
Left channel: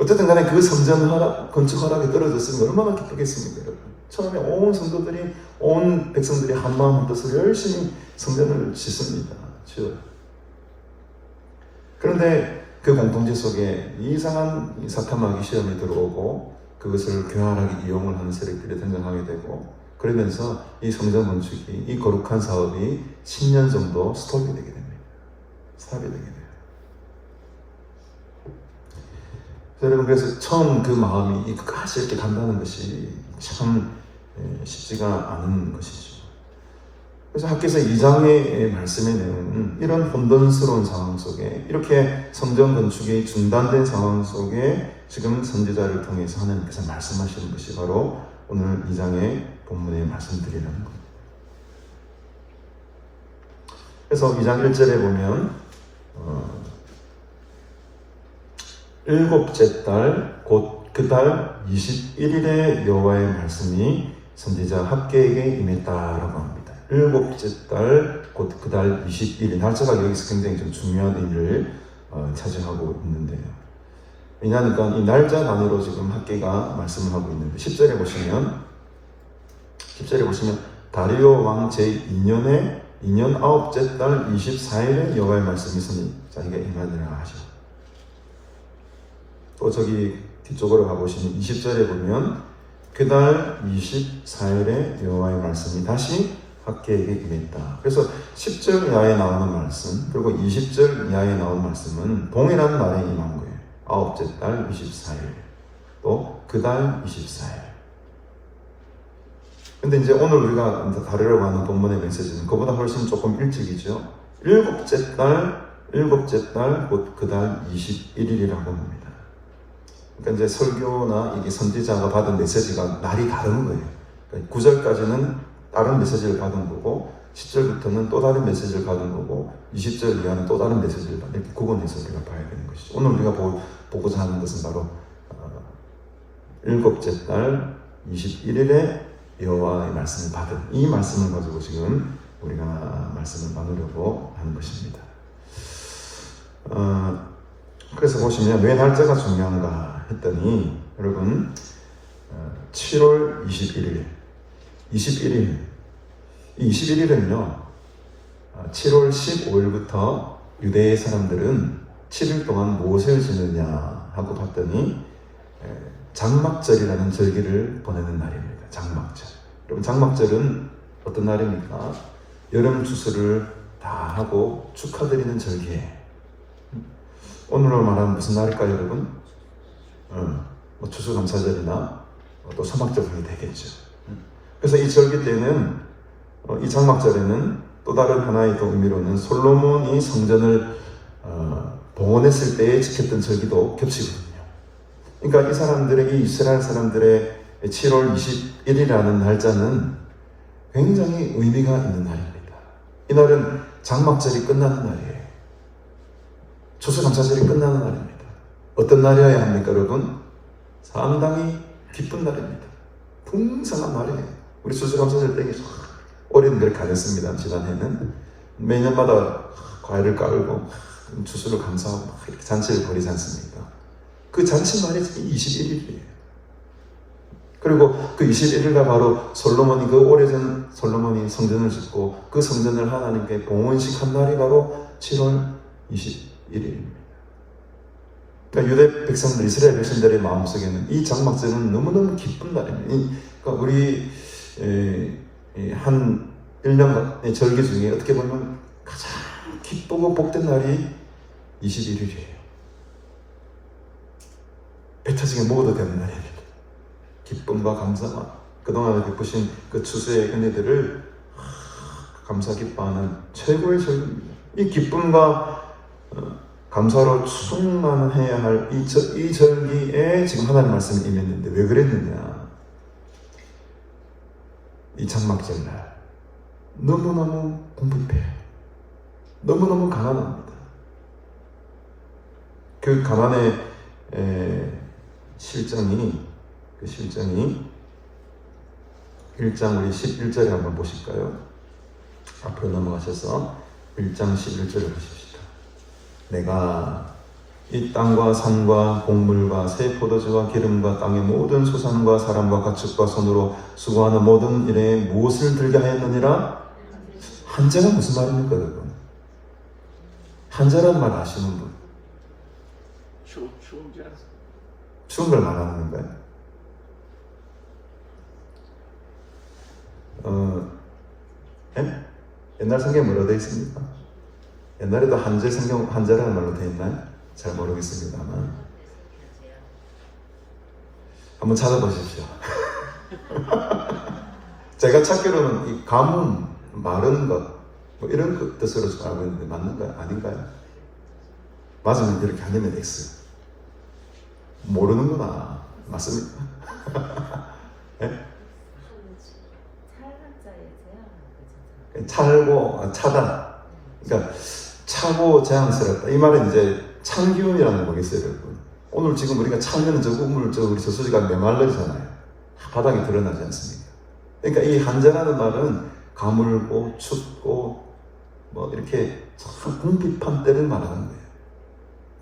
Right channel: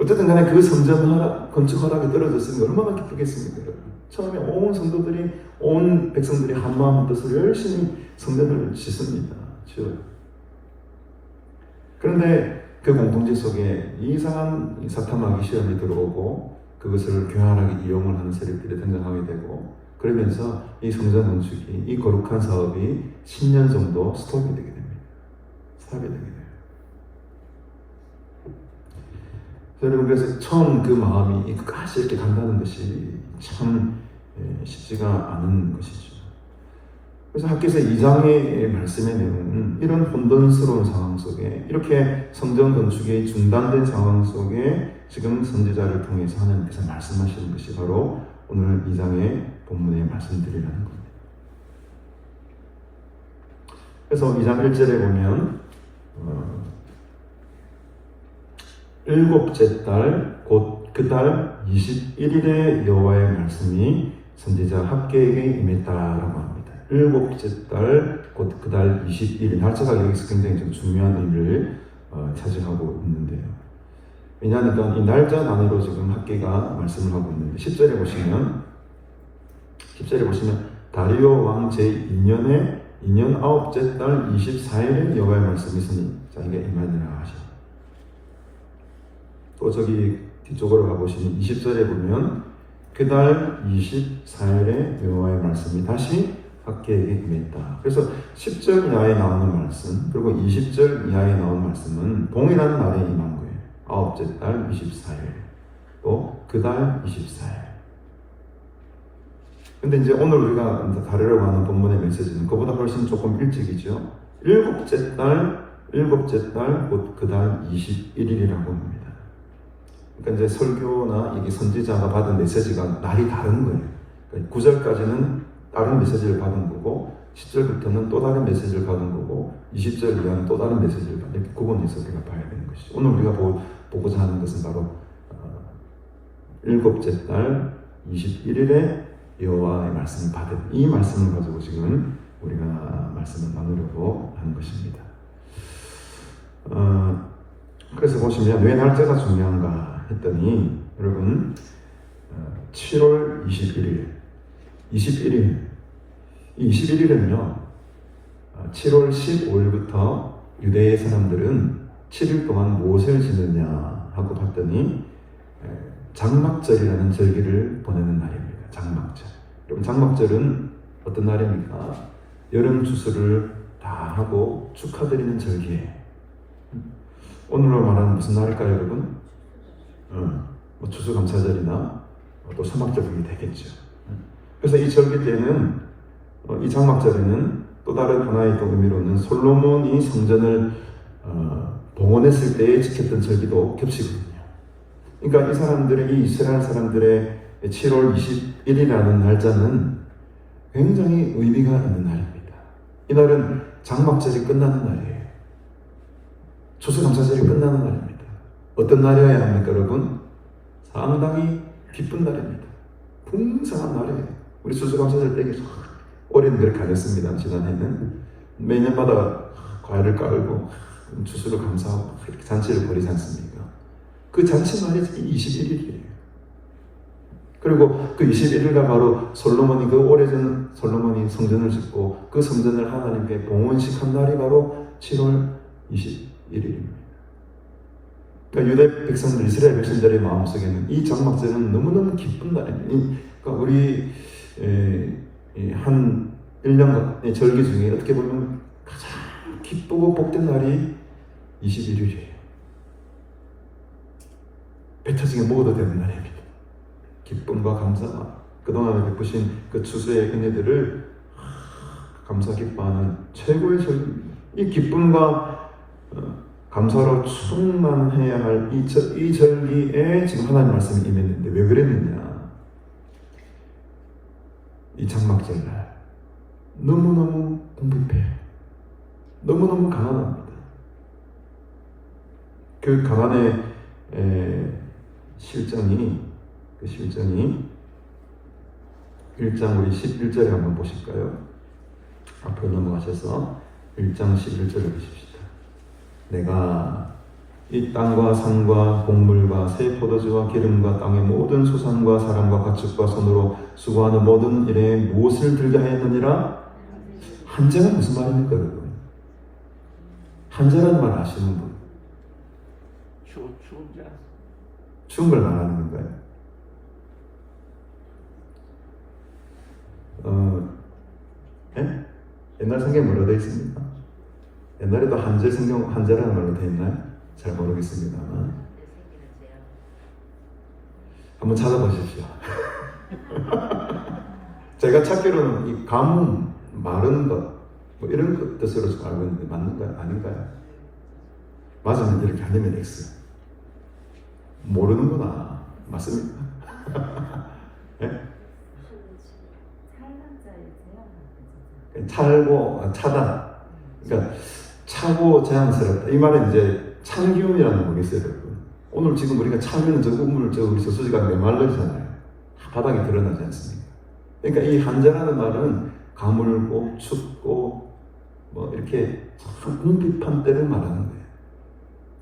어쨌든 간에 그 성전 건축 허락이 떨어졌으면 얼마나 기쁘겠습니까? 처음에 온 성도들이 온 백성들이 한마음 한뜻으로 열심히 성전을 짓습니다. 그런데 그 공동체 속에 이상한 사탄 마귀 시험이 들어오고 그것을 교활하게 이용을 하는 세력들이 등장하게 되고 그러면서 이 성전 건축이 이 거룩한 사업이 10년 정도 스톱이 되게 됩니다. 여러분 그래서 처음 그 마음이 끝까지 이렇게 간다는 것이 참 쉽지가 않은 것이죠. 그래서 학교에서 2장의 말씀의 내용은 이런 혼돈스러운 상황 속에 이렇게 성전 건축이 중단된 상황 속에 지금 선지자를 통해서 하나님께서 말씀하시는 것이 바로 오늘 2장의 본문에 말씀드리는 겁니다. 그래서 2장 1절에 보면 일곱째 달 곧 그 달 21일에 여호와의 말씀이 선지자 학개에게 임했다라고 합니다. 일곱째 달 곧 그 달 21일 날짜가 여기서 굉장히 좀 중요한 의미를 차지하고 있는데요. 왜냐하니까 이 날짜 단위로 지금 학개가 말씀을 하고 있는데 10절에 보시면 다리오 왕 제2년에 2년 9째 달 24일에 여호와의 말씀이 선지자에게 임하느니라 하십니다. 또 저기 뒤쪽으로 가보시면 20절에 보면 그 달 24일에 여호와의 말씀이 다시 학개에게 임했다. 그래서 10절 이하에 나오는 말씀 그리고 20절 이하에 나오는 말씀은 동일한 날에 임한 거예요. 9째 달 24일 또 그 달 24일. 근데 이제 오늘 우리가 다루려고 하는 본문의 메시지는 그보다 훨씬 조금 일찍이죠. 일곱째 달 곧 그 달 21일이라고 합니다. 그러니까 이제 설교나 이게 선지자가 받은 메시지가 날이 다른 거예요. 9절까지는 다른 메시지를 받은 거고 10절부터는 또 다른 메시지를 받은 거고 20절 이하는 또 다른 메시지를 받은, 이렇게 구분해서 우리가 봐야 되는 것이죠. 오늘 우리가 보고자 하는 것은 바로 일곱째 달 21일에 여호와의 말씀을 받은 이 말씀을 가지고 지금 우리가 말씀을 나누려고 하는 것입니다. 그래서 보시면 왜 날짜가 중요한가 했더니 여러분 7월 21일 이 21일은요 7월 15일부터 유대의 사람들은 7일 동안 무엇을 지느냐 하고 봤더니 장막절이라는 절기를 보내는 날입니다. 장막절. 그럼 장막절은 어떤 날입니까? 여름 추수를 다 하고 축하드리는 절기예요. 오늘로 말하는 무슨 날일까요, 여러분? 뭐 추수감사절이나 또 소막절이 되겠죠. 그래서 이 절기 때는 이 장막절에는 또 다른 하나의 또 의미로는 솔로몬이 성전을 봉헌했을 때에 지켰던 절기도 겹치거든요. 그러니까 이 사람들의 이 이스라엘 사람들의 7월 21일이라는 날짜는 굉장히 의미가 있는 날입니다. 이 날은 장막절이 끝나는 날이에요. 추수감사절이 끝나는 날입니다. 어떤 날이어야 합니까, 여러분? 상당히 기쁜 날입니다. 풍성한 날이에요. 우리 추수감사절 때 어린이들 가졌습니다. 지난해는 매년마다 과일을 깔고 추수를 감사하고 그렇게 잔치를 벌이지 않습니까? 그 잔치만이 21일이에요. 그리고 그 21일날 바로 솔로몬이 그 오래전 솔로몬이 성전을 짓고 그 성전을 하나님께 봉헌식한 날이 바로 7월 21일입니다. 그러니까 유대 백성들, 이스라엘 백성들의 마음속에는 이 장막절은 너무너무 기쁜 날입니다. 그러니까 우리 한 1년의 절기 중에 어떻게 보면 가장 기쁘고 복된 날이 21일이에요. 배 터지게 먹어도 되는 날입니다. 기쁨과 감사와 그동안에 베푸신 그 추수의 은혜들을 감사 기뻐하는 최고의 절기. 이 기쁨과 감사로 충만해야 할 이 절기에 지금 하나님 말씀이 임했는데 왜 그랬느냐? 이 장막절날 너무너무 공급해, 너무너무 가난합니다. 그 가난의 실정이 1장 우리 11절에 한번 보실까요? 앞으로 넘어가셔서 1장 11절을 보십시다. 내가 이 땅과 산과 곡물과 새 포도주와 기름과 땅의 모든 소산과 사람과 가축과 손으로 수고하는 모든 일에 무엇을 들게 하였느니라? 한자가 무슨 말입니까, 여러분? 한자라는 말 아시는 분? 추운 걸 말하는 건가요? 예? 옛날 성경에 뭐라고 되어 있습니까? 옛날에도 한자 성경 한자라는 말로 되어 있나? 잘 모르겠습니다만 한번 찾아보십시오. 제가 찾기로는 이 가뭄, 마른 것, 뭐 이런 뜻으로 알고 있는데 맞는가 아닌가요? 맞으면 이렇게 아니면 X. 모르는구나. 맞습니까? 예? 차다. 그러니까 차고 자연스럽다. 이 말은 이제 찬 기운이라는 거겠어요, 여러분. 오늘 지금 우리가 차면 저 우물, 우리 저수지가 메말르잖아요. 바닥에 드러나지 않습니까? 그러니까 이 한자라는 말은 가물고 춥고 뭐 이렇게 참 궁핍한 때를 말하는 거예요.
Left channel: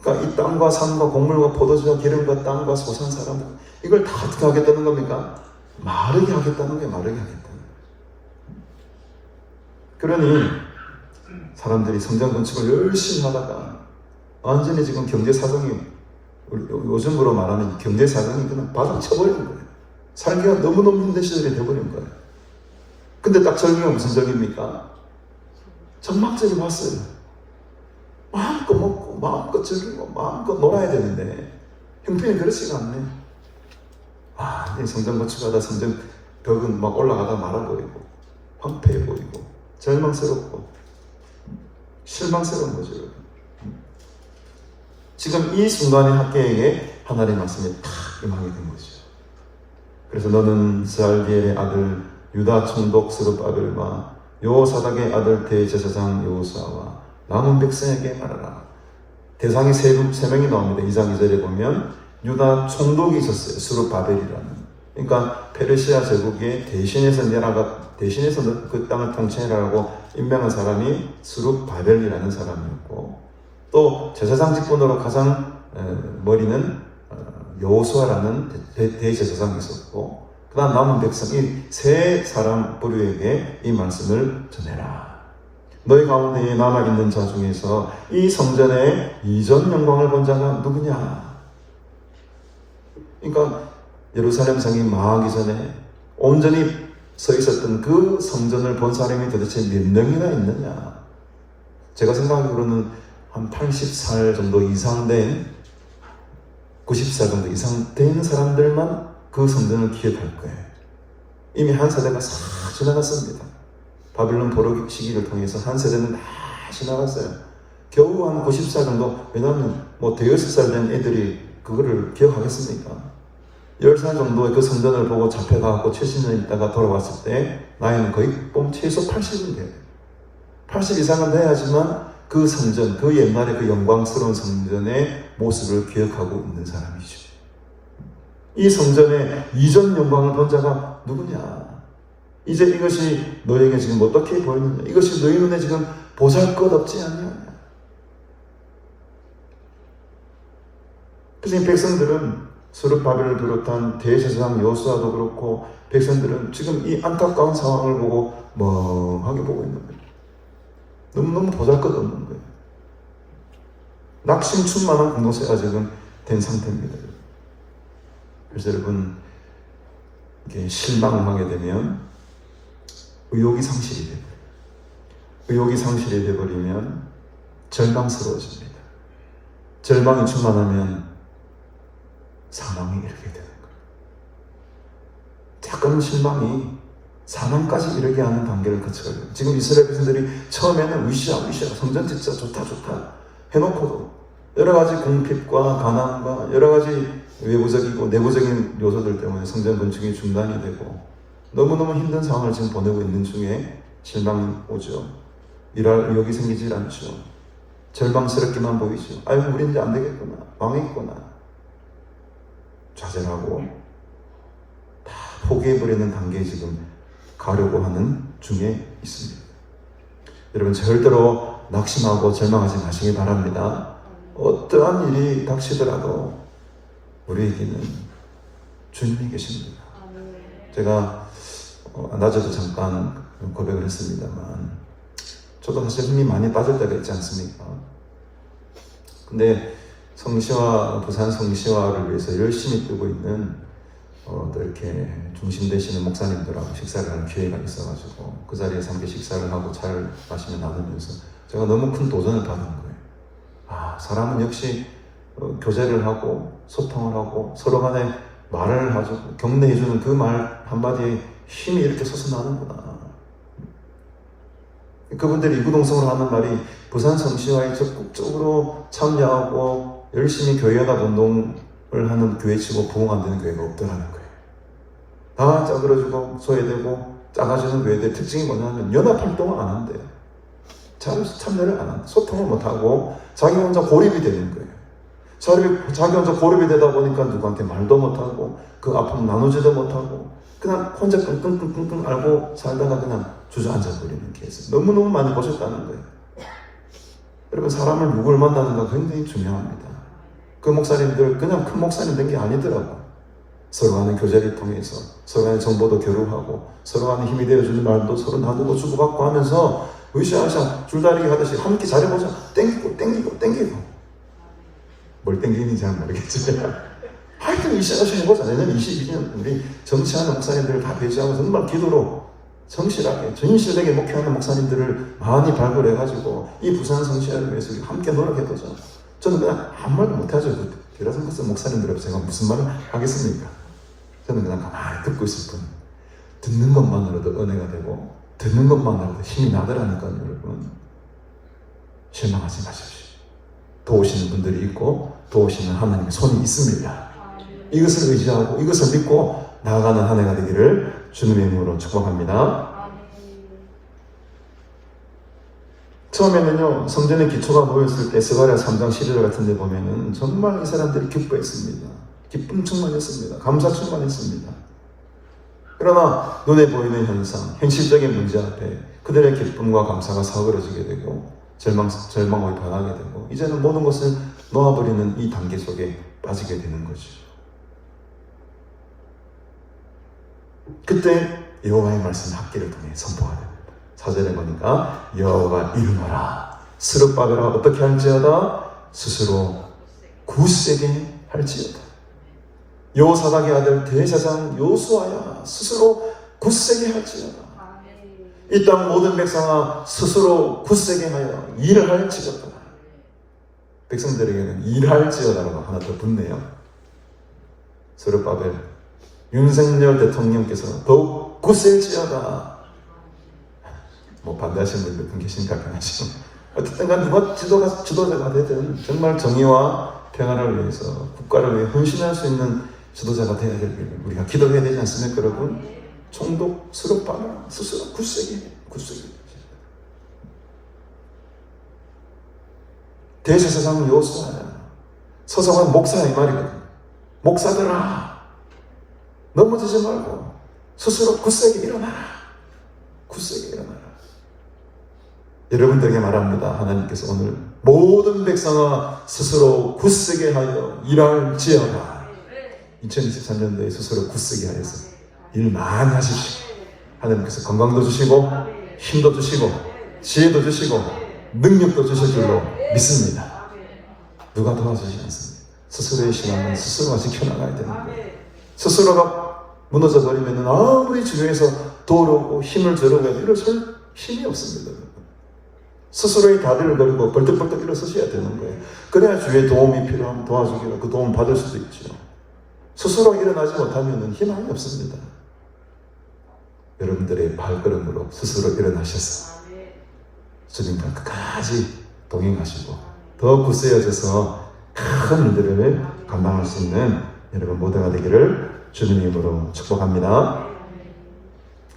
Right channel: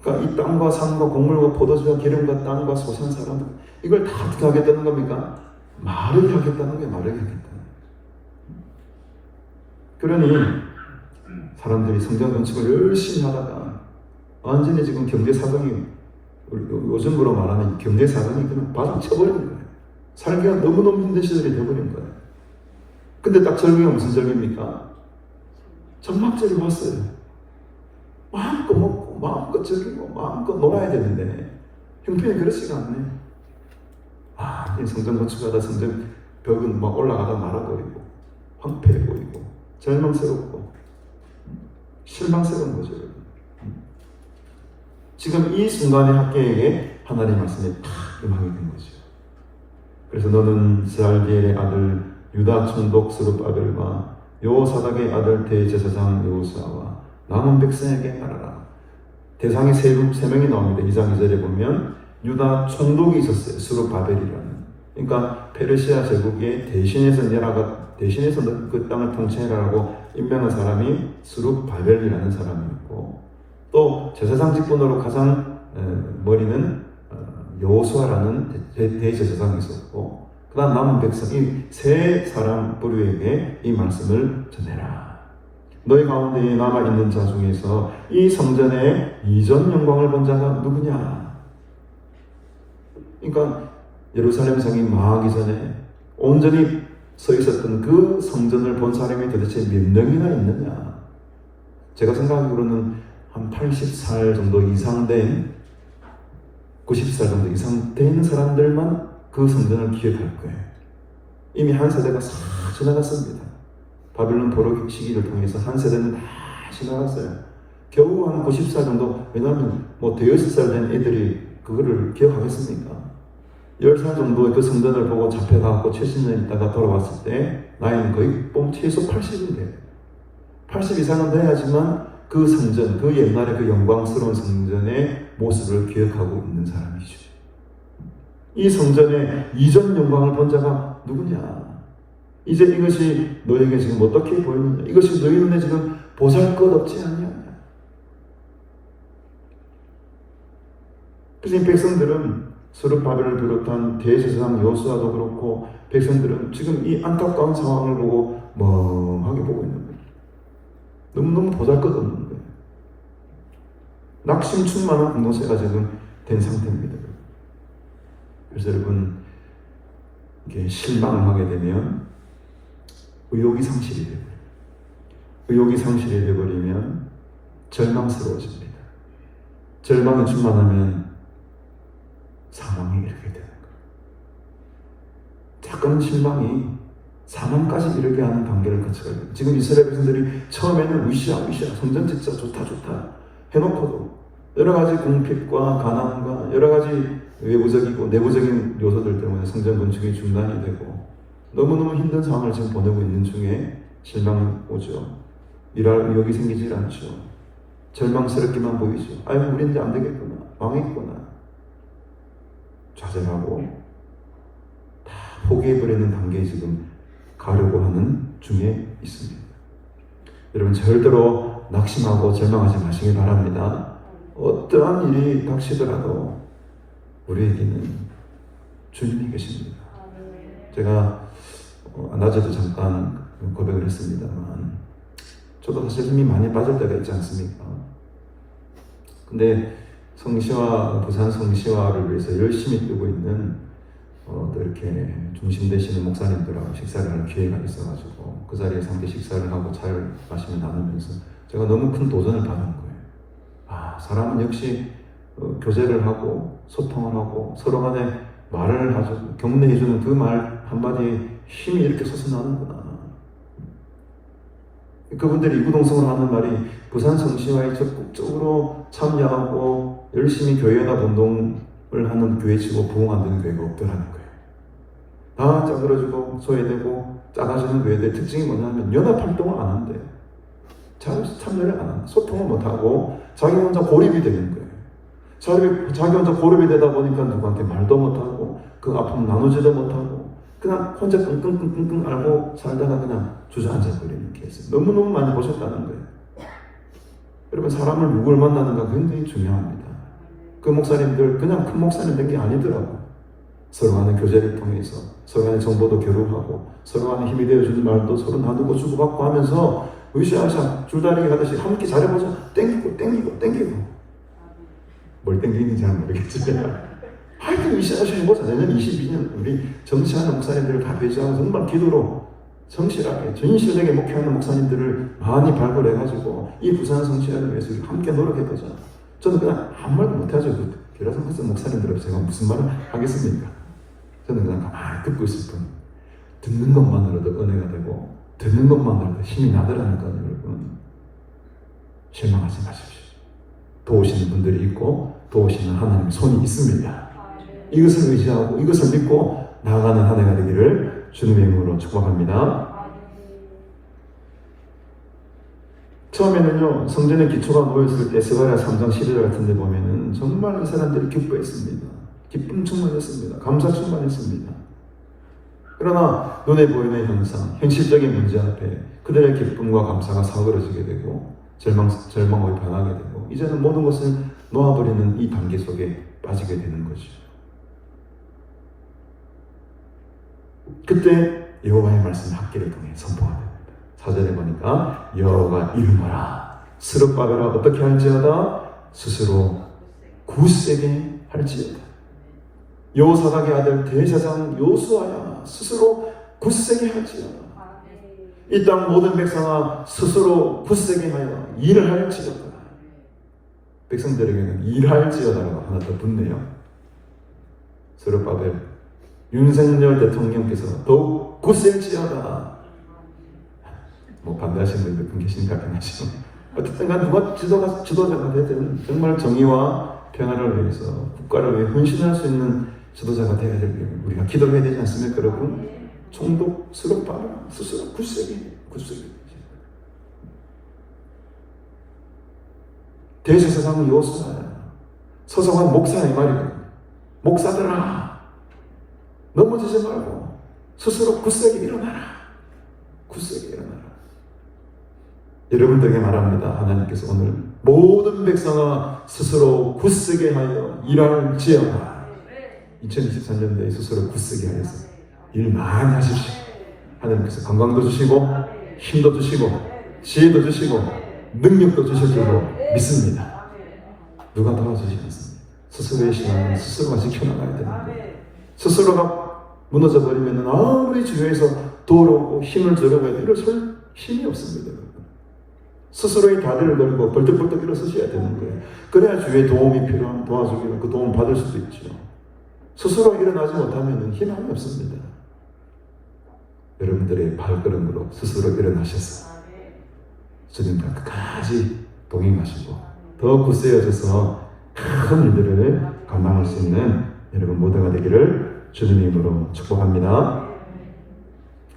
그러니까 이 땅과 산과 곡물과 포도주와 기름과 땅과 소산 사람 이걸 다 어떻게 하겠다는 겁니까? 마르게 하겠다는 거예요. 마르게 하겠다는 거예요. 그러니 사람들이 성장 건축을 열심히 하다가 완전히 지금 경제 사정이 요즘으로 말하면 경제 사정이 그냥 바닥 쳐버리는 거예요. 살기가 너무너무 힘든 시절이 되어버린 거예요. 근데 딱 절기가 무슨 절기입니까? 장막절이 왔어요. 마음껏 먹고 마음껏 즐기고 마음껏 놀아야 되는데 형편이 그렇지가 않네. 이 성전 건축하다 성전 벽은 막 올라가다 말아 보이고 황폐해 보이고 절망스럽고 실망스러운 거죠. 지금 이 순간의 학계에 하나님의 말씀이 탁 임하게 된 거죠. 그래서 너는 스알디엘의 아들 유다 총독 스룹바벨과 여호사닥의 아들 대제사장 여호수아와 남은 백성에게 말하라. 대상이 세 명이 나옵니다. 2장 2절에 보면 유다 총독이 있었어요. 스룹바벨이라는. 그러니까 페르시아 제국의 대신해서 그 땅을 통치해라라고 임명한 사람이 스룹바벨이라는 사람이었고, 또 제사장 직분으로 가장 머리는 여호수아라는 대제사장이 있었고, 그 다음 남은 백성, 이 세 사람 부류에게 이 말씀을 전해라. 너희 가운데 남아있는 자 중에서 이 성전의 이전 영광을 본 자가 누구냐? 그러니까 예루살렘 성이 망하기 전에 온전히 서 있었던 그 성전을 본 사람이 도대체 몇 명이나 있느냐? 제가 생각하기로는 한 80살 정도 이상 된, 90살 정도 이상 된 사람들만 그 성전을 기억할 거예요. 이미 한 세대가 싹 지나갔습니다. 바빌론 포로 시기를 통해서 한 세대는 다 지나갔어요. 겨우 한 90살 정도, 왜냐하면 뭐 대여섯 살 된 애들이 그거를 기억하겠습니까? 10살 정도의 그 성전을 보고 잡혀가고 70년 있다가 돌아왔을 때 나이는 거의 최소 80은 돼요. 80 이상은 돼야지만 그 성전, 그 옛날의 그 영광스러운 성전의 모습을 기억하고 있는 사람이죠. 이 성전의 이전 영광을 본 자가 누구냐? 이제 이것이 너에게 지금 어떻게 보이느냐? 이것이 너희 눈에 지금 보잘것없지 않냐? 그래서 이 백성들은 스룹바벨을 비롯한 대제사장 여호수아도 그렇고, 백성들은 지금 이 안타까운 상황을 보고 멍하게 보고 있는 거예요. 너무너무 보잘것없는 거예요. 낙심 충만한 공동체가 지금 된 상태입니다. 그래서 여러분, 이렇게 실망을 하게 되면 의욕이 상실이 돼요. 의욕이 상실이 되어버리면 절망스러워집니다. 절망이 충만하면 사망이 이르게 되는 거예요. 작은 실망이 사망까지 이르게 하는 단계를 거쳐야 돼요. 지금 이스라엘 백성들이 처음에는 으쌰으쌰 성전 짓자 좋다 해놓고도 여러 가지 궁핍과 가난과 여러 가지 외부적이고 내부적인 요소들 때문에 성전 건축이 중단이 되고 너무너무 힘든 상황을 지금 보내고 있는 중에 실망이 오죠. 일할 의욕이 생기지 않죠. 절망스럽게만 보이죠. 아이고 우리 이제 안 되겠구나, 망했구나. 좌절하고 다 포기해버리는 단계에 지금 가려고 하는 중에 있습니다. 여러분 절대로 낙심하고 절망하지 마시기 바랍니다. 어떠한 일이 닥치더라도 우리에게는 주님이 계십니다. 제가 낮에도 잠깐 고백을 했습니다만 저도 사실 힘이 많이 빠질 때가 있지 않습니까? 근데 성시화, 부산 성시화를 위해서 열심히 뛰고 있는 또 이렇게 중심 되시는 목사님들하고 식사를 하는 기회가 있어가지고 그 자리에서 함께 식사를 하고 잘 마시며 나누면서 제가 너무 큰 도전을 받은 거예요. 사람은 역시 교제를 하고 소통을 하고 서로 간에 말을 하죠. 격려해주는 그 말 한마디에 힘이 이렇게 솟아나는구나. 그분들이 이구동성을 하는 말이 부산 성시화에 적극적으로 참여하고 열심히 교회가 운동을 하는 교회치고 부흥하는 교회가 없더라는 거예요. 다 짜그러지고 소외되고 작아지는 교회들 특징이 뭐냐면 연합활동을 안 한대요. 참여를 안 한다. 소통을 못하고 자기 혼자 고립이 되는 거예요. 자기 혼자 고립이 되다 보니까 누구한테 말도 못하고 그 아픔 나누지도 못하고 그냥 혼자 끙끙끙끙 앓고 살다가 그냥 주저앉아 버리는 케이스 너무너무 많이 보셨다는 거예요. 여러분 사람을 누굴 만나는가 굉장히 중요합니다. 그 목사님들 그냥 큰 목사님 된 게 아니더라고요. 서로 간의 교제를 통해서 서로 간의 정보도 교류하고 서로 간의 힘이 되어주는 말도 서로 나누고 주고받고 하면서 으쌰으쌰 줄다리기 하듯이 함께 잘해보자. 땡기고 뭘 땡기는지 잘 모르겠지만 하여튼 으쌰으쌰 해보자. 내년 22년 우리 정치하는 목사님들을 다 배제하고 정말 기도로 성실하게 진실하게 목회하는 목사님들을 많이 발굴해가지고 이 부산 성취하기 위해서 함께 노력해보자. 저는 그냥 아무 말도 못하죠. 길어서 무슨 목사님들 앞에 제가 무슨 말을 하겠습니까? 저는 그냥 가만히 듣고 있을 뿐. 듣는 것만으로도 은혜가 되고 듣는 것만으로도 힘이 나더라니까요. 여러분 실망하지 마십시오. 도우시는 분들이 있고 도우시는 하나님의 손이 있습니다. 이것을 의지하고 이것을 믿고 나아가는 한 해가 되기를 주님의 이름으로 축복합니다. 처음에는요, 성전의 기초가 모였을 때 스가랴 3장 11절 같은 데 보면은 정말 이 사람들이 기뻐했습니다. 기쁨 충만했습니다. 감사 충만했습니다. 그러나 눈에 보이는 현상, 현실적인 문제 앞에 그들의 기쁨과 감사가 사그러지게 되고 절망으로 변하게 되고 이제는 모든 것을 놓아버리는 이 단계 속에 빠지게 되는 거죠. 그때 여호와의 말씀 학기를 통해 선포하고 4절에 보니까 여호와가 이르노라 스룹바벨아 어떻게 할지어다 스스로 굳세게 할지어다. 여호사닥의 아들 대제사장 요수아야 스스로 굳세게 할지어다. 이 땅 모든 백성아 스스로 굳세게 하여 일을 할지어다. 백성들에게는 일할지어다라고 하나 더 붙네요. 스룹바벨 윤석열 대통령께서 더욱 굳세지어다. 뭐 반대하시는 분들도 계시니까 변하시고 어쨌든 간 누가 지도자가 되든 정말 정의와 평화를 위해서 국가를 위해 헌신할 수 있는 지도자가 되어야 될 우리가 기도해야 되지 않습니까 여러분? 총독 스룹바벨 스스로 굳세게 대제사장 요수아 서성한 목사의 말이거든. 목사들아 넘어지지 말고 스스로 굳세게 일어나라. 굳세게 일어나라. 여러분들에게 말합니다. 하나님께서 오늘 모든 백성아 스스로 굳세게 하여 일할지어다. 2023년도에 스스로 굳세게 하여서 일 많이 하십시오. 하나님께서 건강도 주시고 힘도 주시고 지혜도 주시고 능력도 주실 줄로 믿습니다. 누가 도와주시겠습니까? 스스로의 신앙은 스스로가 지켜나가야 되는 거예요. 스스로가 무너져 버리면 아무리 주위에서 도우고 힘을 주려고 해도 일어설 힘이 없습니다. 스스로의 다리를 걸고 벌떡벌떡 일어서셔야 되는 거예요. 그래야 주위에 도움이 필요하면 도와주기로 그 도움 받을 수도 있죠. 스스로 일어나지 못하면 희망이 없습니다. 여러분들의 발걸음으로 스스로 일어나셔서 주님과 끝까지 동행하시고 더 굳세어져서 큰 일들을 감당할 수 있는 여러분 모두가 되기를 주님의 이름으로 축복합니다.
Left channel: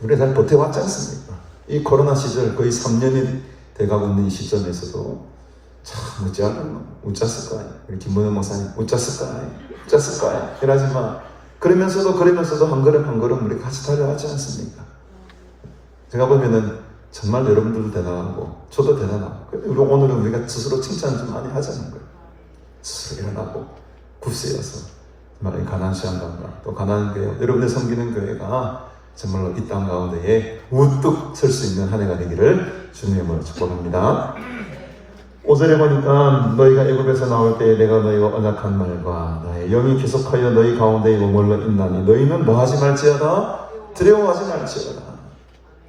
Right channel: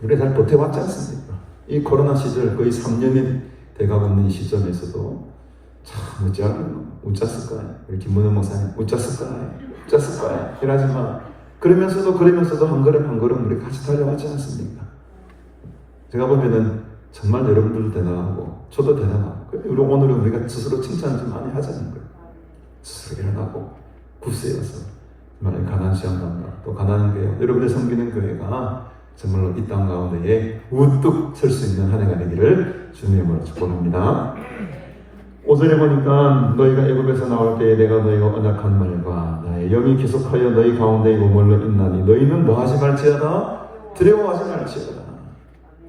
우리 잘 버텨왔지 않습니까? 이 코로나 시절 거의 3년이 돼가고 있는 이 시점에서도 참 웃잤을까요? 우리 김문현 목사님 웃잤을까요? 그러지만 그러면서도 한 걸음 한 걸음 우리 같이 달려가지 않습니까? 제가 보면은 정말 여러분들도 대단하고 저도 대단하고 우리 오늘은 우리가 스스로 칭찬을 좀 많이 하자는 거예요. 스스로 일어나고 굳세어서 정말 가난한 시간과 또 가난한 교회 여러분들 섬기는 교회가 정말로 이 땅 가운데에 우뚝 설 수 있는 한 해가 되기를 주님으로 축복합니다. 5절에 보니까 너희가 애굽에서 나올 때에 내가 너희와 언약한 말과 나의 영이 계속하여 너희 가운데에 머물러 있나니 너희는 뭐하지 말지어다 두려워하지 말지어다.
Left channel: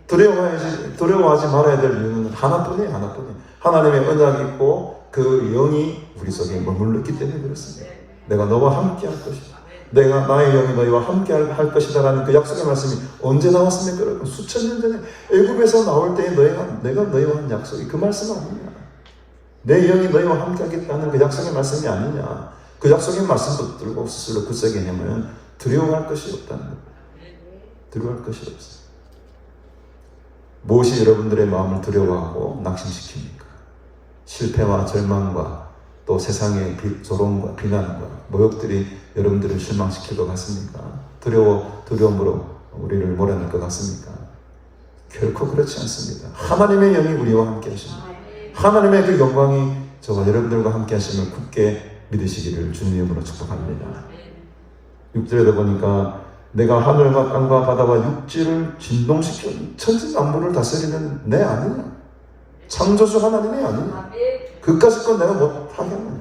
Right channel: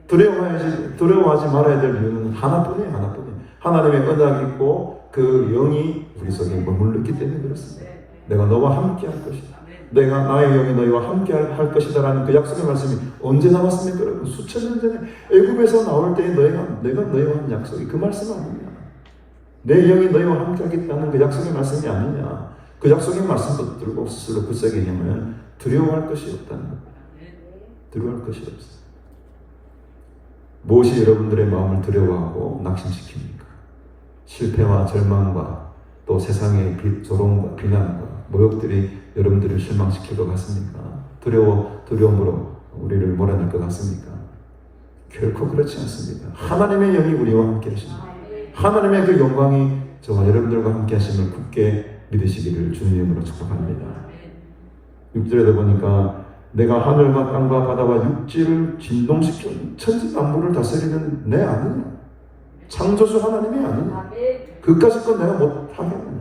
두려워하지 말아야 될 이유는 하나뿐이에요. 하나님의 언약이 있고 그 영이 우리 속에 머물렀기 때문에 그렇습니다. 내가 너와 함께 할 것이다. 내가 나의 영이 너희와 함께 할 것이다 라는 그 약속의 말씀이 언제 나왔습니까? 여러분 수천 년 전에 애굽에서 나올 때에 내가 너희와 한 약속이 그 말씀 아니냐. 내 영이 너희와 함께 하겠다는 그 약속의 말씀이 아니냐. 그 약속의 말씀 붙들고 스스로 굳세게 하면 두려워할 것이 없다는 거예요. 두려워할 것이 없어. 무엇이 여러분들의 마음을 두려워하고 낙심시킵니까? 실패와 절망과 또 세상의 조롱과 비난과 모욕들이 여러분들을 실망시킬 것 같습니까? 두려움으로 우리를 몰아낼 것 같습니까? 결코 그렇지 않습니다. 하나님의 영이 우리와 함께 하십니다. 하나님의 그 영광이 저와 여러분들과 함께 하심을 굳게 믿으시기를 주님으로 축복합니다. 6절에도 보니까 내가 하늘과 땅과 바다와 육지를 진동시킨 천지만물을 다스리는 내 아니냐? 창조주 하나님이 아니냐? 그까짓 건 내가 못하겠느냐?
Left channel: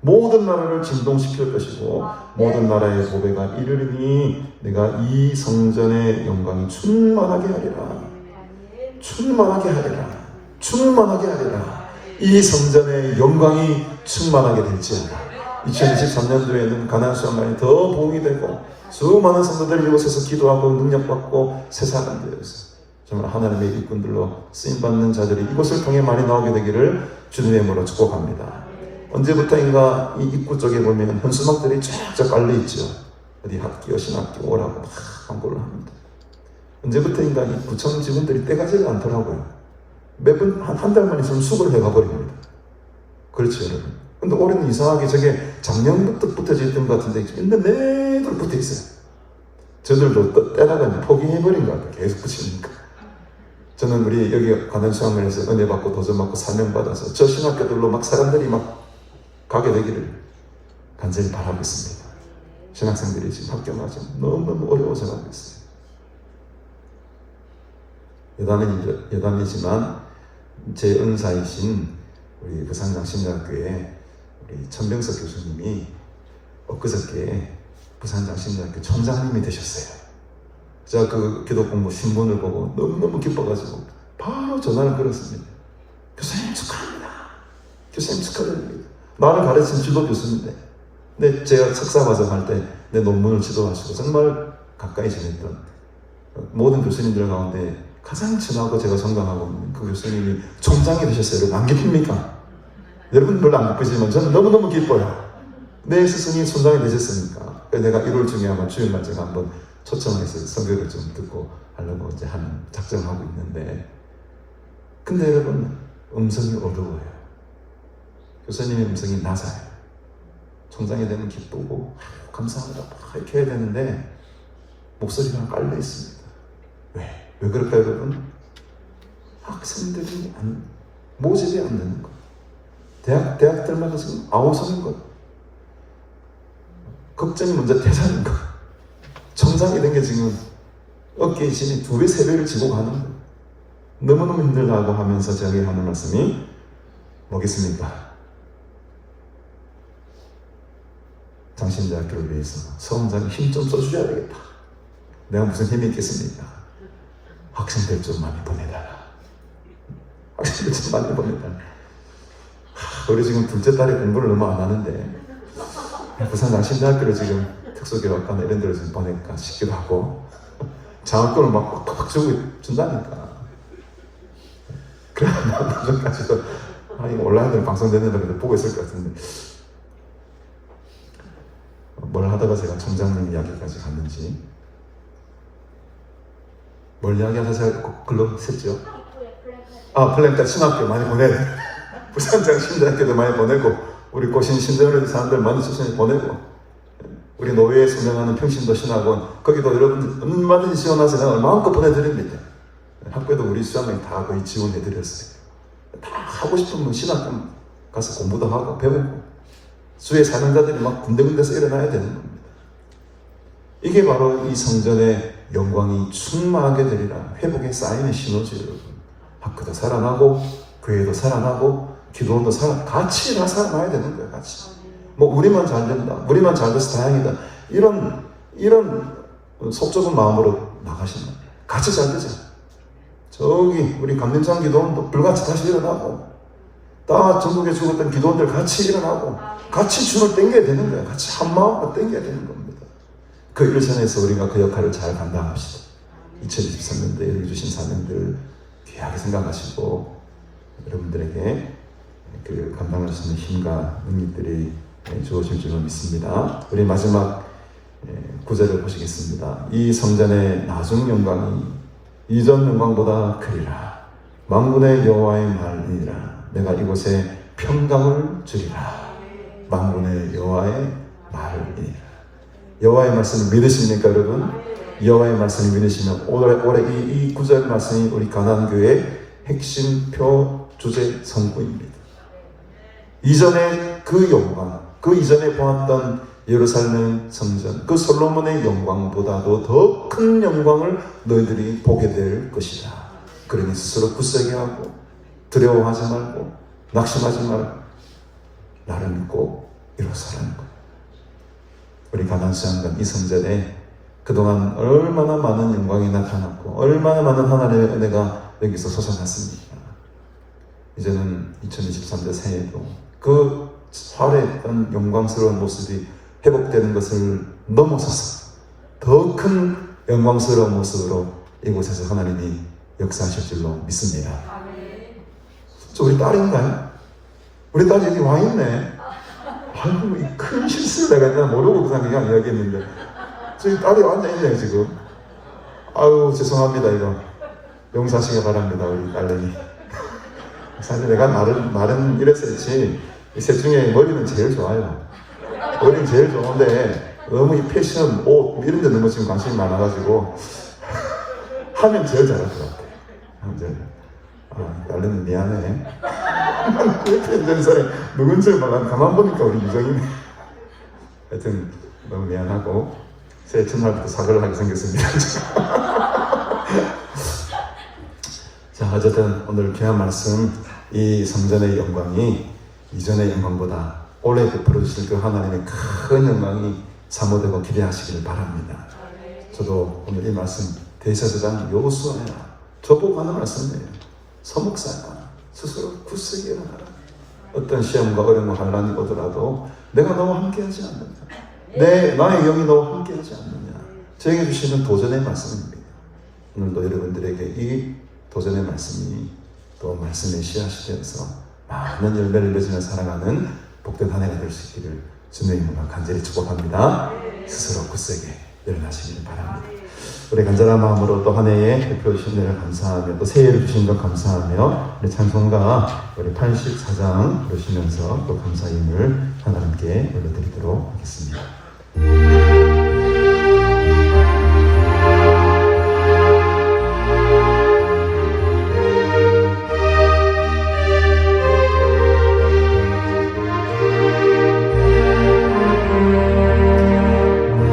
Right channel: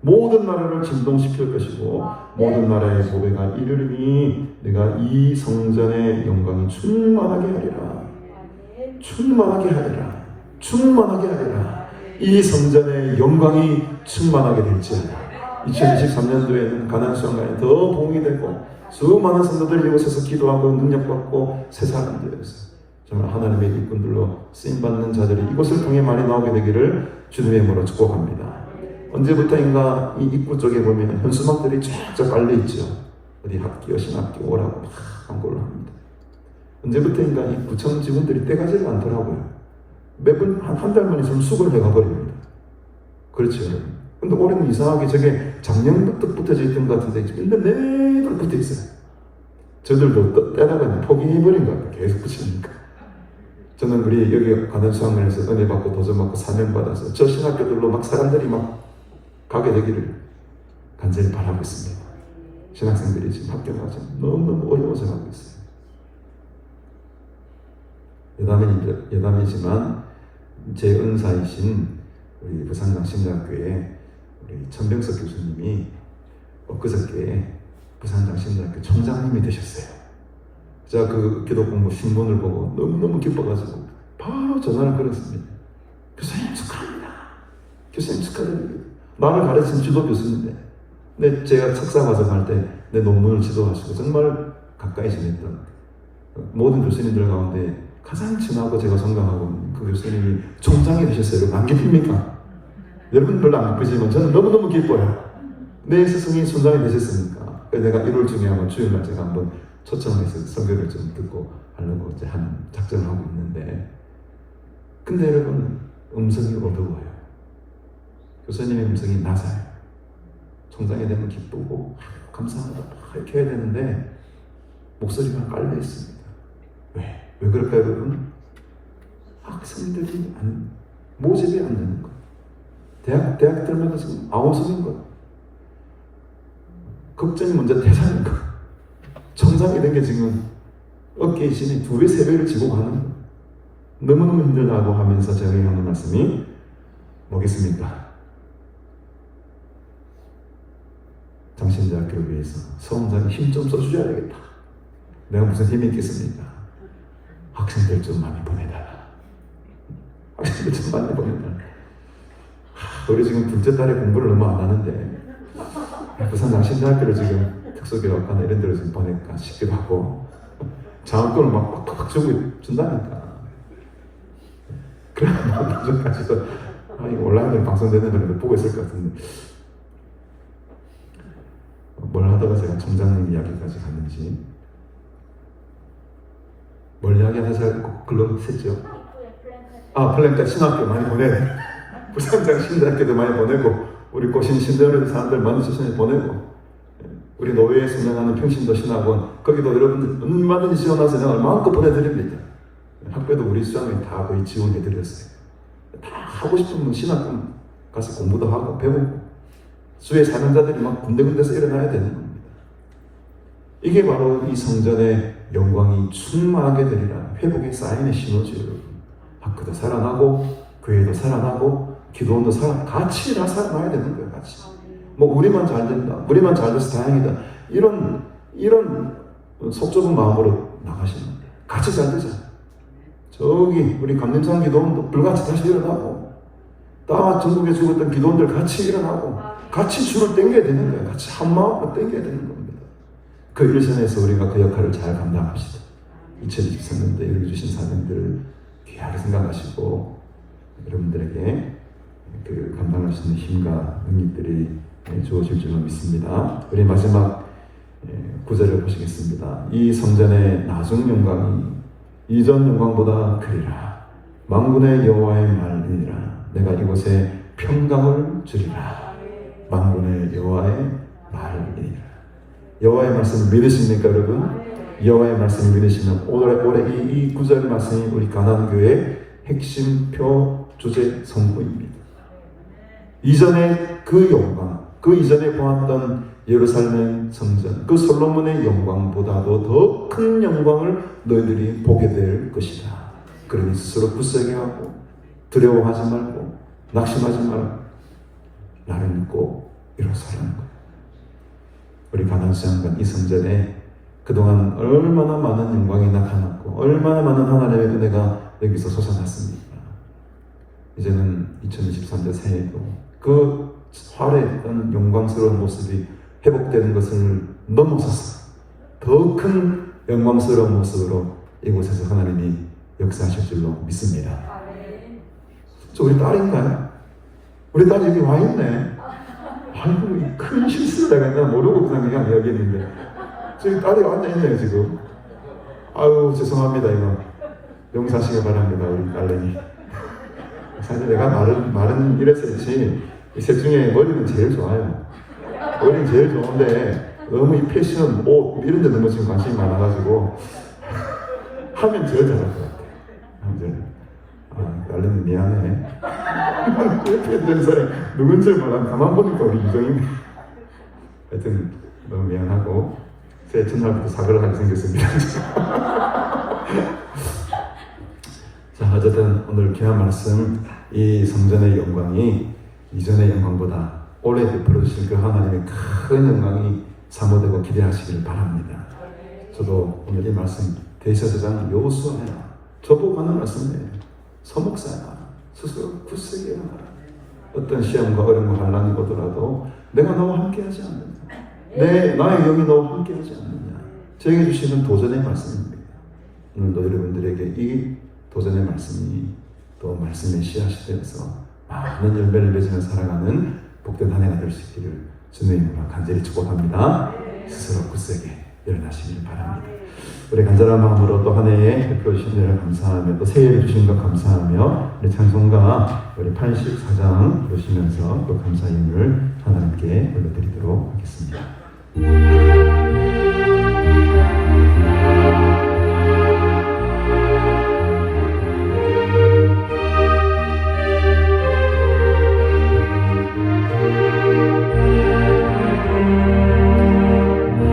모든 나라를 진동시킬 것이고 모든 나라의 보배가 이르리니 내가 이 성전의 영광이 충만하게 하리라. 이 성전의 영광이 충만하게 될지어다. 2023년도에는 가나안 수양관이 더 봉이되고 수많은 성도들 이곳에서 기도하고 능력받고 세상을 위해서 정말 하나님의 일꾼들로 쓰임받는 자들이 이곳을 통해 많이 나오게 되기를 주님의 이름으로 축복합니다. 언제부터인가 이 입구 쪽에 보면 현수막들이 쫙쫙 깔려 있죠. 어디 학교, 신학교 오라고 막 광고를 합니다. 언제부터인가 이 구청 직원들이 떼가지가 않더라고요. 매번 한 달 만에 좀 수고를 해가 버립니다. 그렇죠. 근데 올해는 이상하게 저게 작년부터 붙어져 있던 것 같은데 맨날 내들 붙어 있어요. 저들도 떼나가면 포기해버린 것 같아요. 계속 붙이니까. 저는 우리 여기 가난수학원에서 은혜 받고 도전 받고 사명 받아서 저 신학교들로 막 사람들이 막 가게 되기를 간절히 바라고 있습니다. 신학생들이 지금 학교 가서 너무너무 어려워서 가고 있어요. 여담이지만 제 은사이신 우리 부산장신대학교의 우리 천병석 교수님이 엊그저께 부산장신대학교 총장님이 되셨어요. 제가 그 기독공부 신문을 보고 너무너무 기뻐가지고 바로 전화를 걸었습니다. 교수님 축하합니다. 교수님 축하드립니다. 나를 가르친 지도 교수인데 근데 제가 석사 과정할 때 내 논문을 지도하시고 정말 가까이 지냈던 모든 교수님들 가운데 가장 친하고 제가 존경하고 있는 그 교수님이 총장이 되셨어요. 안 기쁩니까? 여러분 별로 안 기쁘지만 저는 너무너무 기뻐요. 내 스승이 총장이 되셨으니까. 내가 1월 중에 아마 주일날 제가 한번 초청해서 설교를 좀 듣고 하려고 이제 하는 작정을 하고 있는데, 근데 여러분 음성이 어두워요. 교수님의 음성이 낮아요. 총장이 되면 기쁘고 감사하다 이렇게 해야 되는데 목소리가 깔려 있습니다. 왜 그럴까요, 여러분? 학생들이 모집이 안 되는 거. 대학 들어가서 아우성인 거. 걱정이 먼저 대자는 거. 청장이 된 게 지금 어깨에 신이 2배, 3배를 지고 가는 거. 너무너무 힘들다고 하면서 제가 하는 말씀이 뭐겠습니까? 장신대학교를 위해서 서원장이 힘 좀 써주셔야 되겠다. 내가 무슨 힘이 있겠습니까? 학생들 좀 많이 보내달라. 학생들 좀 많이 보내달라. 우리 지금 둘째 딸이 공부를 얼마 안 하는데 부산 장신대학교를 지금 특수교육관 이런 데로 지금 보내니까 쉽게 받고 장학금을 막 톡톡 준다니까. 그러면 나중까지도 이거 온라인으로 방송되는 보고 있을 것 같은데 뭘 하다가 제가 총장님 이야기까지 갔는지 뭘 이야기하면서 글로 썼죠? 플랭카 신학교 많이 보내고 부산장 신대학교도 많이 보내고 우리 고신 신대원의 사람들 많은 수신이 보내고 우리 노회에 운영하는 평신도 신학원 거기도 여러분 얼마든지 지원해서 내가 마음껏 보내드립니다. 학교도 우리 수장이 다 거의 지원해드렸어요. 다 하고 싶은 신학교 가서 공부도 하고 배우고 주의 사명자들이 막 군데군데서 일어나야 되는 겁니다. 이게 바로 이 성전의 영광이 충만하게 되리라. 회복의 사인의 신호지요. 학교도 살아나고 교회도 살아나고 기도원도 같이 살아나야 되는 거예요. 같이. 뭐 우리만 잘 된다. 우리만 잘 돼서 다행이다. 이런 속 좁은 마음으로 나가시면 같이 잘 되죠. 저기 우리 강림산 기도원도 불같이 다시 일어나고 다 전국에 죽었던 기도원들 같이 일어나고 같이 줄을 당겨야 되는 거예요. 같이 한 마음으로 당겨야 되는 겁니다. 그 일선에서 우리가 그 역할을 잘 감당합시다. 2023년도에 우리 주신 사명들을 귀하게 생각하시고 여러분들에게 그 감당할 수 있는 힘과 능력들이 주어질 줄로 믿습니다. 우리 마지막 구절을 보시겠습니다. 이 성전의 나중 영광이 이전 영광보다 크리라. 만군의 여호와의 말이니라. 내가 이곳에 평강을 주리라. 만군의 여호와의 말이니라. 여호와의 말씀을 믿으십니까, 여러분? 여호와의 말씀을 믿으시면 올해 이 구절 말씀이 우리 가난교회의 핵심표 주제 성구입니다. 이전에 그 영광, 그 이전에 보았던 예루살렘 성전, 그 솔로몬의 영광보다도 더 큰 영광을 너희들이 보게 될 것이다. 그러니 스스로 굳세게 하고 두려워하지 말고 낙심하지 말고 나를 믿고 일어서라는 것. 우리 가난수양관 이 성전에 그동안 얼마나 많은 영광이 나타났고 얼마나 많은 하나님의 은혜가 여기서 솟아났습니까? 이제는 2023년 새해도 그 화려했던 영광스러운 모습이 회복되는 것을 넘어서서 더 큰 영광스러운 모습으로 이곳에서 하나님이 역사하실 줄로 믿습니다. 저 우리 딸인가요? 우리 딸이 여기 와 있네. 아이고, 큰 실수를 내가 모르고 그냥 이야기했는데 저기 딸이 앉아있네요 지금. 아유 죄송합니다. 이거 용서하시기 바랍니다. 우리 딸내미. 사실 내가 말은 이랬었지, 이 셋 중에 머리는 제일 좋아요. 머리는 제일 좋은데 너무 이 패션, 옷 이런 데 너무 지금 관심이 많아가지고 하면 제일 잘할 것 같아. 이제 딸내미 미안해. 이렇게 있는 사람 누군지 몰라. 가만 보니까 우리 유정이네. 하여튼 너무 미안하고 새해 첫날부터 사과를 하게 생겼습니다. 자, 어쨌든 오늘 귀한 말씀, 이 성전의 영광이 이전의 영광보다 올해 베풀어 주실 그 하나님의 큰 영광이 사모되고 기대하시길 바랍니다. 저도 오늘 이 말씀 대사제장 여호수아야 저보고 하는 말씀이에요. 서목사야 스스로 굳세게 하라. 어떤 시험과 어려움과 환난이 오더라도 내가 너와 함께하지 않느냐, 나의 영이 너와 함께하지 않느냐, 저에게 주시는 도전의 말씀입니다. 오늘도 여러분들에게 이 도전의 말씀이 또 말씀의 씨앗이 되어서 많은 열매를 맺으며 살아가는 복된 한 해가 될 수 있기를 주님의 이름으로 간절히 축복합니다. 스스로 굳세게 일어나시길 바랍니다. 우리 간절한 마음으로 또 한 해에 베풀어 주신 은혜를 감사하며 또 새해를 주신 것 감사하며 우리 찬송가 우리 84장 보시면서 또 감사의 의미를 하나님께 올려드리도록 하겠습니다.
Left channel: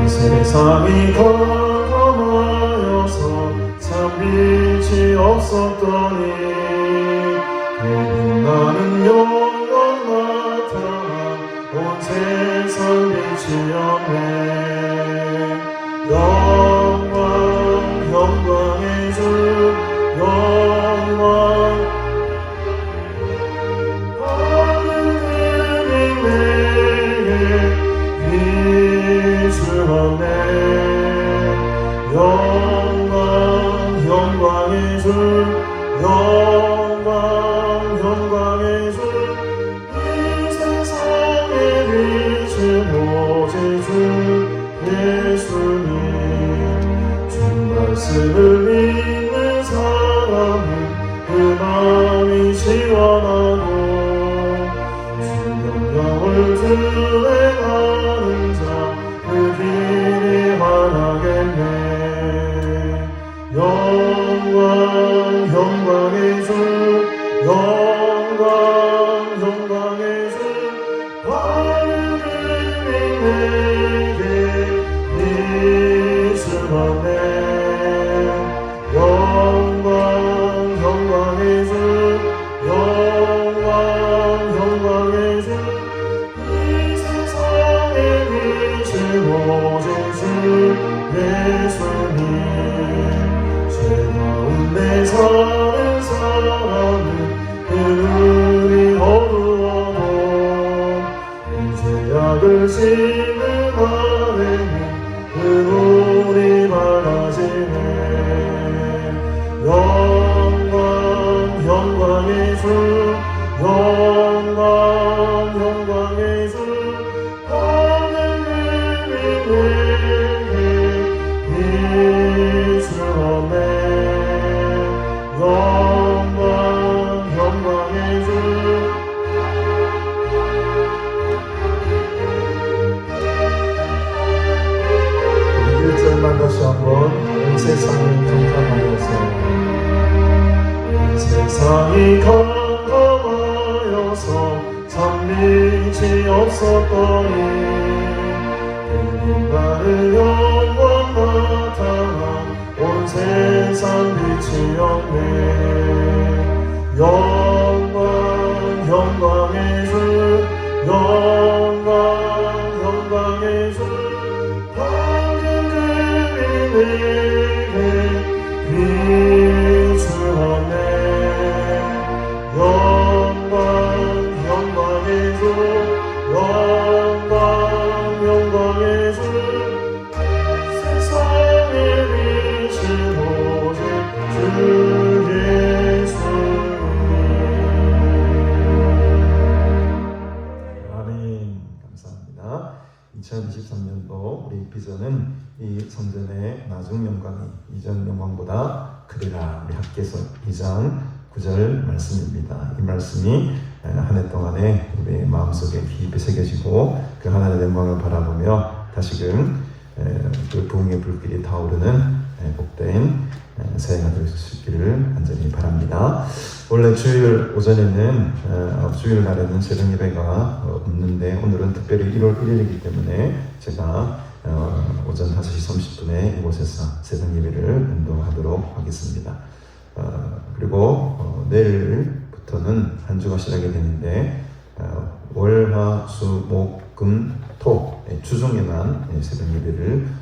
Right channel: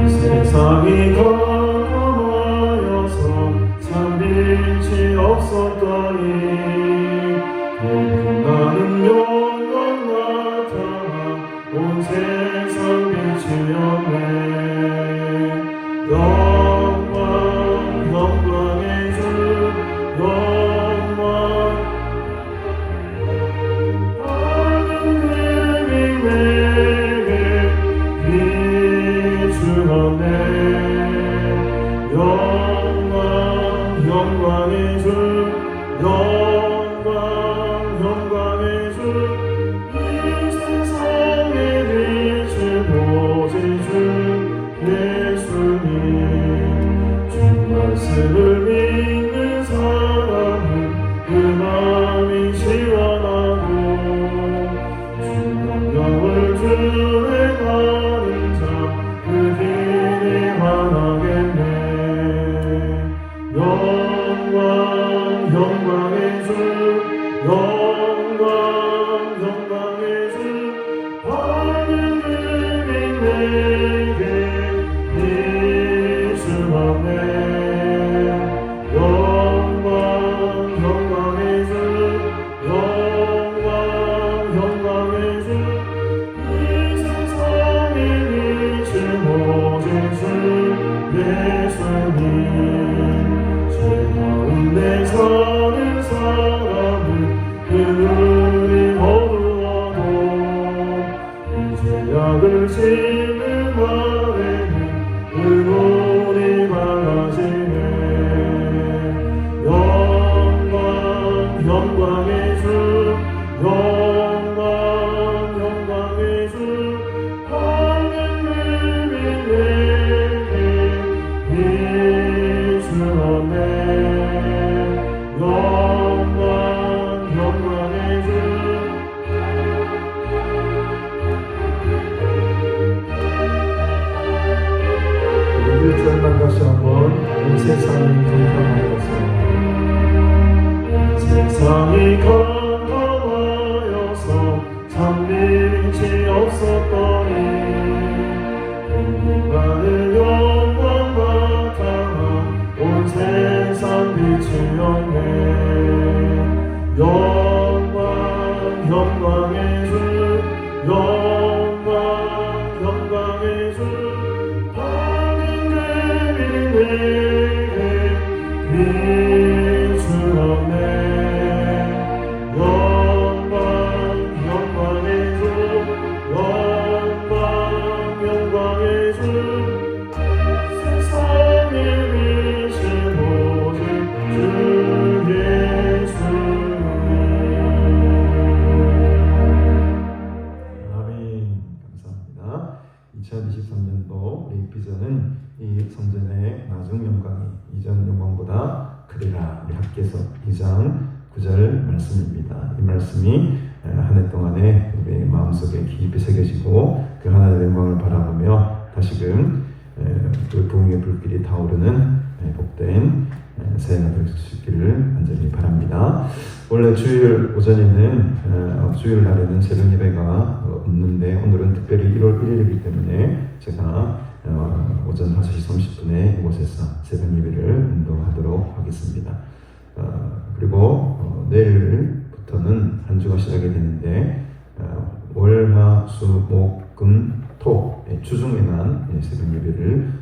세상이 깜깜하여서 참 빛이 없었더니 빛나는 영광 나타나 온 세상 빛이 없네. 영광 영광의 주 영광 하늘이 내게 비추하네. 영광의 주 영광 영광의 주 이 세상에 비춘 오직 주 예수님. 주 말씀을 믿는 사람은 그 마음이 시원하고 주 명령을 준행하는 자 그 길이 환하겠네. 영광 영광의 주 영광 영광의 주 하늘이 내게 비추하네. 영광 영광의 주 영광 영광의 주 이 세상에 비친 오직 주 예수님. 내 사는 사람은 그 눈이 어두워도 이 죄악을 지는 아래는 그 눈이 밝아지네. 영광 영광의 주 영광 영광의 주 하늘이 내게 비추네. 영광 영광의 주 우리 1절만 다시 한번 온 세상을 깜깜하여서 세상이 깜깜하여서 참 빛이 없었더니 빛나는 영광 나타나 온 세상 빛이 없네. 영광 영광의 주 영광 영광의 주 하늘이 내게 비추하네. 영광 영광의 주 영광 영광의 주 세상에 비친 오직 주 예수님. 아멘. 감사합니다. 2023년 2장 9절 말씀입니다. 이 말씀이 한 해 동안에 우리의 마음속에 깊이 새겨지고 그 하나님의 영광을 바라보며 다시금 그 부흥의 불길이 타오르는 복된 새해가 될 수 있기를 간절히 바랍니다. 원래 주일 오전에는 주일 날에는 새벽 예배가 없는데 오늘은 특별히 1월 1일이기 때문에 제가 오전 5시 30분에 이곳에서 새벽 예배를 인도하도록 하겠습니다. 그리고 내일부터는 한 주가 시작이 되는데 월, 화, 수, 목, 금, 토 주중에만 새벽 예배를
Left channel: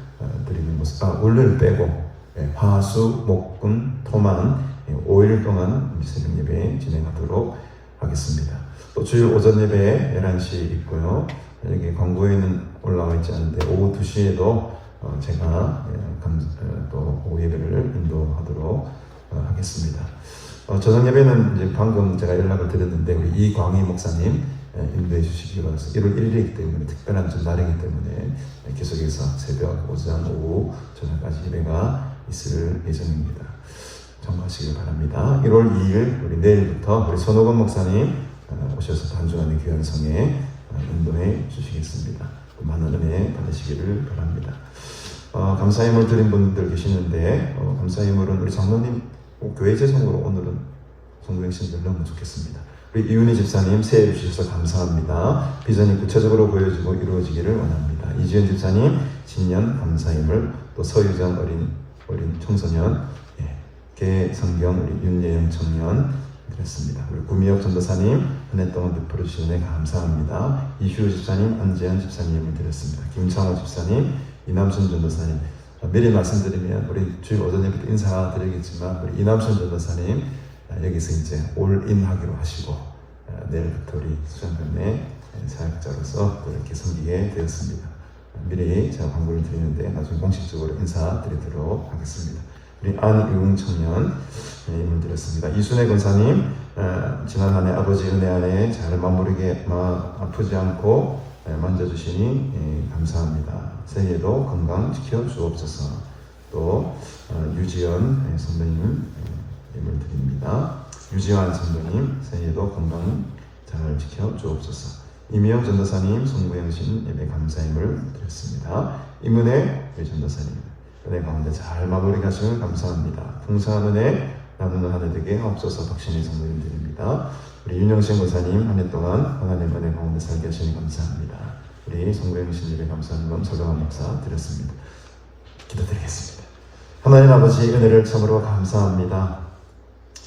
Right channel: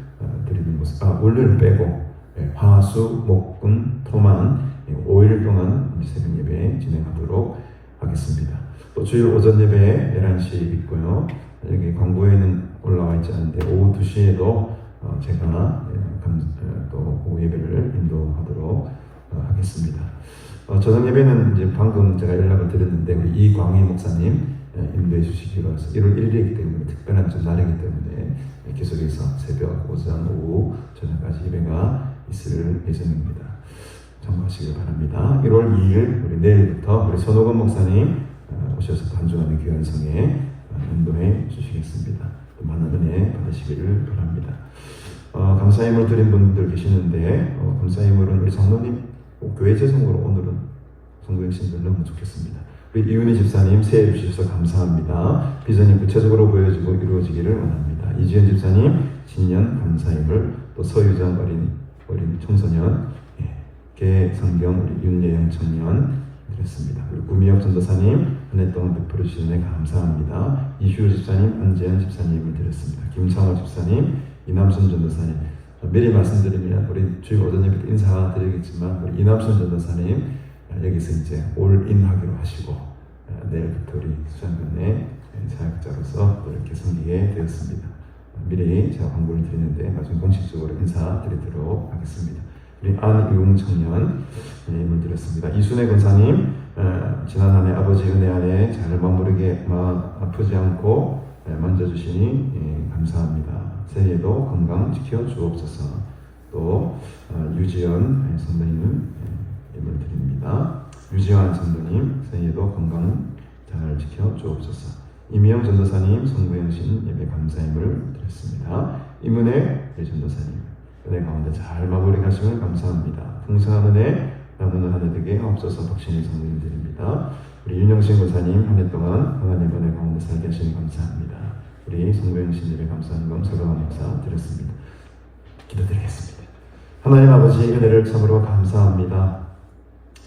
드리는 모습. 월요일 빼고 화, 수, 목, 금, 토만 5일 동안 새벽 예배 진행하도록 하겠습니다. 또 주일 오전 예배 11시에 있고요. 여기 광고에는 올라와 있지 않은데 오후 2시에도 제가 또 오후 예배를 인도하도록 하겠습니다. 저녁 예배는 이제 방금 제가 연락을 드렸는데 우리 이광희 목사님 인도해 주시기로 해서 1월 1일이기 때문에 특별한 좀 날이기 때문에 계속해서 새벽, 오전, 오후, 저녁까지 예배가 있을 예정입니다. 참고하시기 바랍니다. 1월 2일 우리 내일부터 우리 손호건 목사님 오셔서 한 주간의 귀한 성에 인도해 주시겠습니다. 많은 은혜 받으시기를 바랍니다. 감사의물 드린 분들 계시는데 감사의물은 우리 장로님 교회 재정으로 오늘은 성도행신 넣으면 좋겠습니다. 우리 이윤희 집사님 새해 주셔서 감사합니다. 비전이 구체적으로 보여지고 이루어지기를 원합니다. 이지연 집사님 신년 감사의물, 또 서유전 어린 청소년, 개성경 우리 윤예영 청년 드렸습니다. 우리 구미혁 전도사님 한 해 동안 베풀어 주신 은혜 감사합니다. 이휴 집사님, 안재현 집사님을 드렸습니다. 김창호 집사님, 이남순 전도사님. 미리 말씀드리면 우리 주일 오전 예배 때 인사드리겠지만 우리 이남순 전도사님 여기서 이제 올인하기로 하시고 내일부터 우리 수련관에 사역자로서 이렇게 섬기게 되었습니다. 미리 제가 광고를 드리는데 나중에 공식적으로 인사드리도록 하겠습니다. 우리 안이웅 청년 임을 드렸습니다. 이순애 권사님 지난 한 해 아버지 은혜 안에 잘 마무리게 아프지 않고 만져주시니 감사합니다. 새해에도 건강 지켜주옵소서. 또 유지연 선배님 임을 드립니다. 유지환 선배님 새해에도 건강 잘 지켜주옵소서. 이미영 전도사님 성부행신 예배 감사임을 드렸습니다. 이문혜 전도사님 은혜 가운데 잘 마무리 가시면 감사합니다. 풍성한 은혜 나누는 한 해 되게 하옵소서. 독신의 선물 드립니다. 우리 윤영신 목사님 한 해 동안 하나님 은혜 가운데 살게 하시니 감사합니다. 우리 성부행신 예배 감사하는 건 서강원 목사 드렸습니다. 기도드리겠습니다. 하나님 아버지 은혜를 참으로 감사합니다.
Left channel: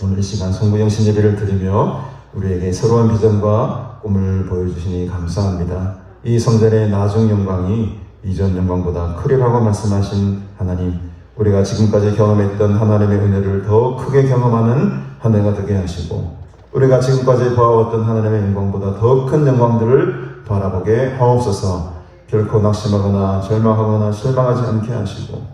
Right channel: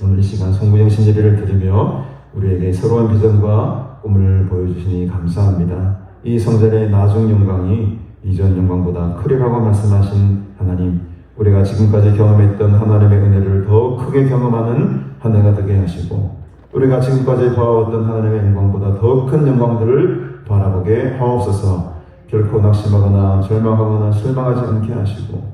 오늘 이 시간 성부행신 예배를 드리며 우리에게 새로운 비전과 꿈을 보여주시니 감사합니다. 이 성전의 나중 영광이 이전 영광보다 크리라고 말씀하신 하나님, 우리가 지금까지 경험했던 하나님의 은혜를 더 크게 경험하는 한 해가 되게 하시고 우리가 지금까지 보아왔던 하나님의 영광보다 더 큰 영광들을 바라보게 하옵소서. 결코 낙심하거나 절망하거나 실망하지 않게 하시고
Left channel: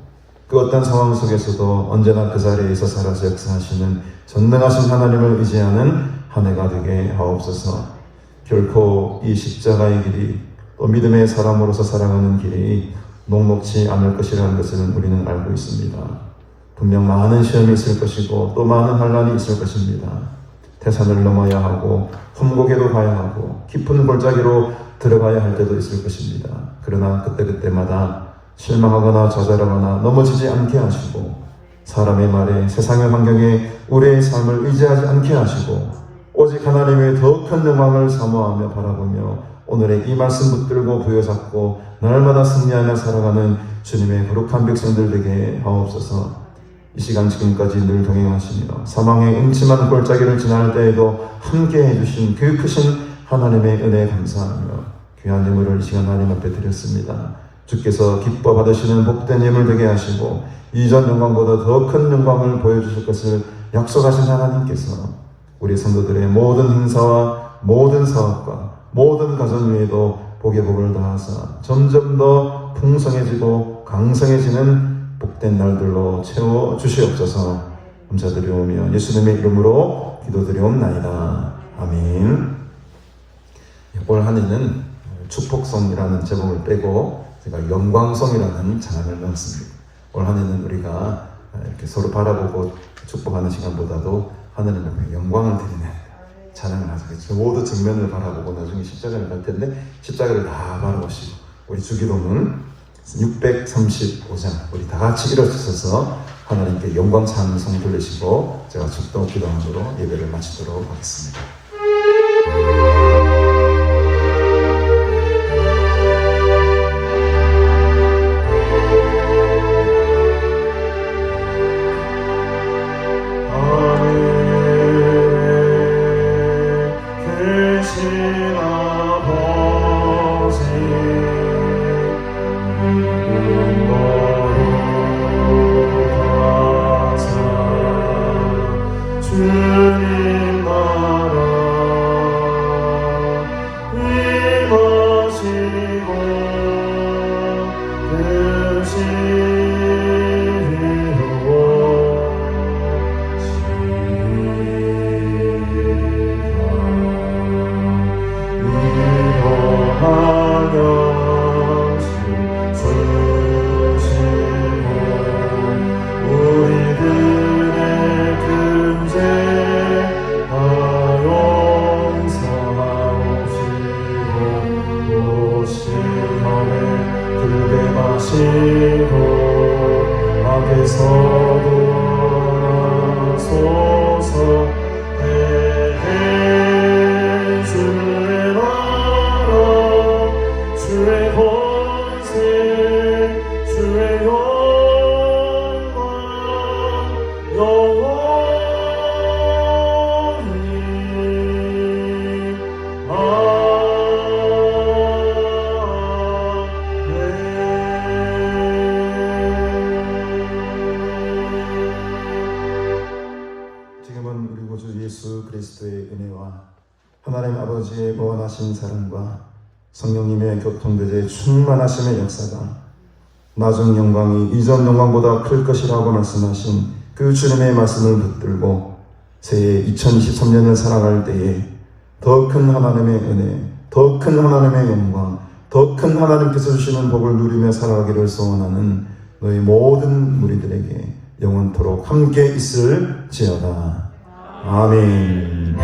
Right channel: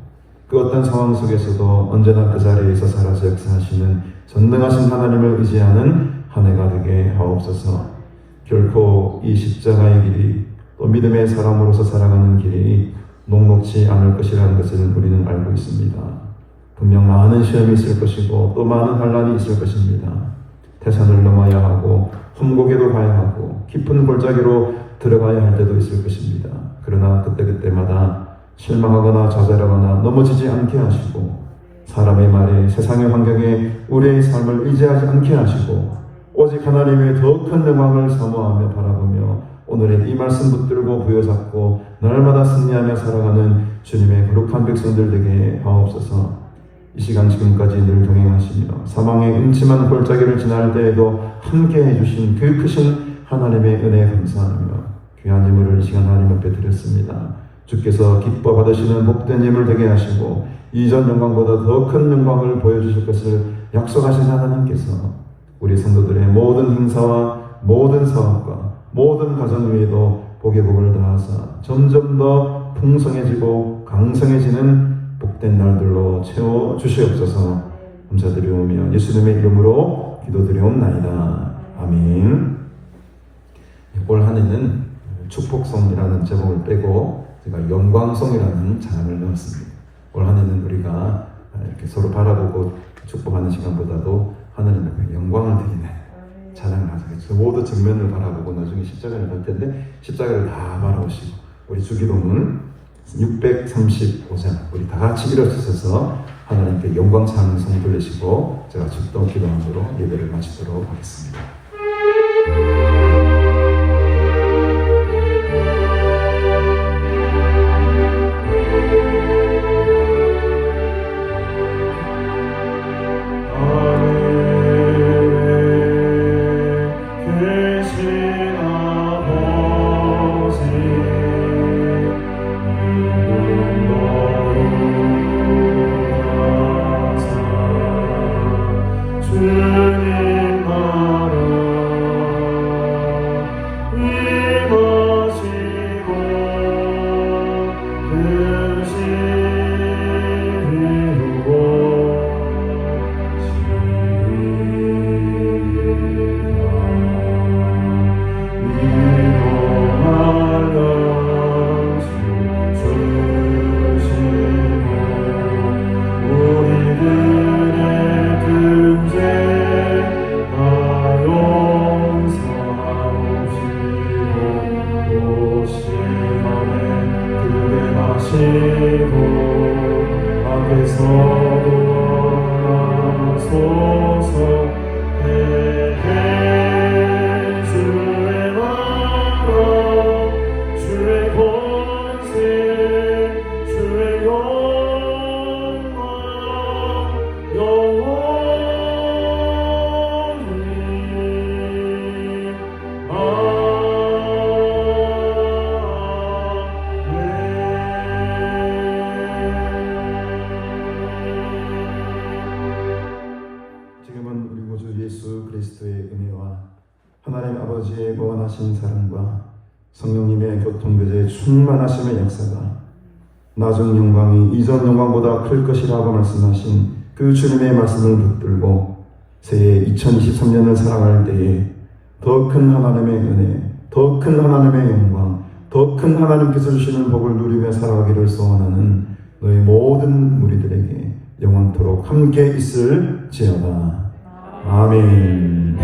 그 어떤 상황 속에서도 언제나 그 자리에서 살아서 역사하시는 전능하신 하나님을 의지하는 한 해가 되게 하옵소서. 결코 이 십자가의 길이 또 믿음의 사람으로서 살아가는 길이 녹록지 않을 것이라는 것을 우리는 알고 있습니다. 분명 많은 시험이 있을 것이고 또 많은 환난이 있을 것입니다. 태산을 넘어야 하고 험곡에도 가야 하고 깊은 골짜기로 들어가야 할 때도 있을 것입니다. 그러나 그때마다 실망하거나 좌절하거나 넘어지지 않게 하시고 사람의 말에 세상의 환경에 우리의 삶을 의지하지 않게 하시고 오직 하나님의 더 큰 영광을 사모하며 바라보며 오늘의 이 말씀 붙들고 부여잡고 날마다 승리하며 살아가는 주님의 거룩한 백성들 되게 하옵소서. 이 시간 지금까지 늘 동행하시며 사망의 음침한 골짜기를 지날 때에도 함께 해주신 그 크신 하나님의 은혜에 감사하며 귀한 예물을 이 시간 하나님 앞에 드렸습니다. 주께서 기뻐 받으시는 복된 예물 되게 하시고 이전 영광보다 더 큰 영광을 보여주실 것을 약속하신 하나님께서 우리 성도들의 모든 행사와 모든 사업과 모든 가정 위에도 복의 복을 더하사 점점 더 풍성해지고 강성해지는 복된 날들로 채워 주시옵소서. 감사드리오며 예수님의 이름으로 기도드리옵나이다. 아멘. 올 한 해는 축복성이라는 제목을 빼고 제가 영광성이라는 장을 넣었습니다. 올 한 해는 우리가 이렇게 서로 바라보고 축복하는 시간보다도 하나님 앞에 영광을 드리는 찬양을 하죠. 그 모두 정면을 바라보고 나중에 십자가를 갈 텐데 십자가를 다 바라보시고 우리 주기도문 635장 우리 다 같이 일어서서 하나님께 영광 찬송 돌리시고 제가 축도 기도함으로 예배를 마치도록 하겠습니다. 주님 나라 임하시고 뜻이 지금은 우리 구주 예수 그리스도의 은혜와 하나님 아버지의 무한하신 사랑과 성령님의 교통되제 충만하심의 역사가 나중 영광이 이전 영광보다 클 것이라고 말씀하신 그 주님의 말씀을 붙들고 새해 2023년을 살아갈 때에 더 큰 하나님의 은혜, 더 큰 하나님의 영광, 더 큰 하나님께서 주시는 복을 누리며 살아가기를 소원하는 너희 모든 무리들에게 영원토록 함께 있을지어다. 아멘.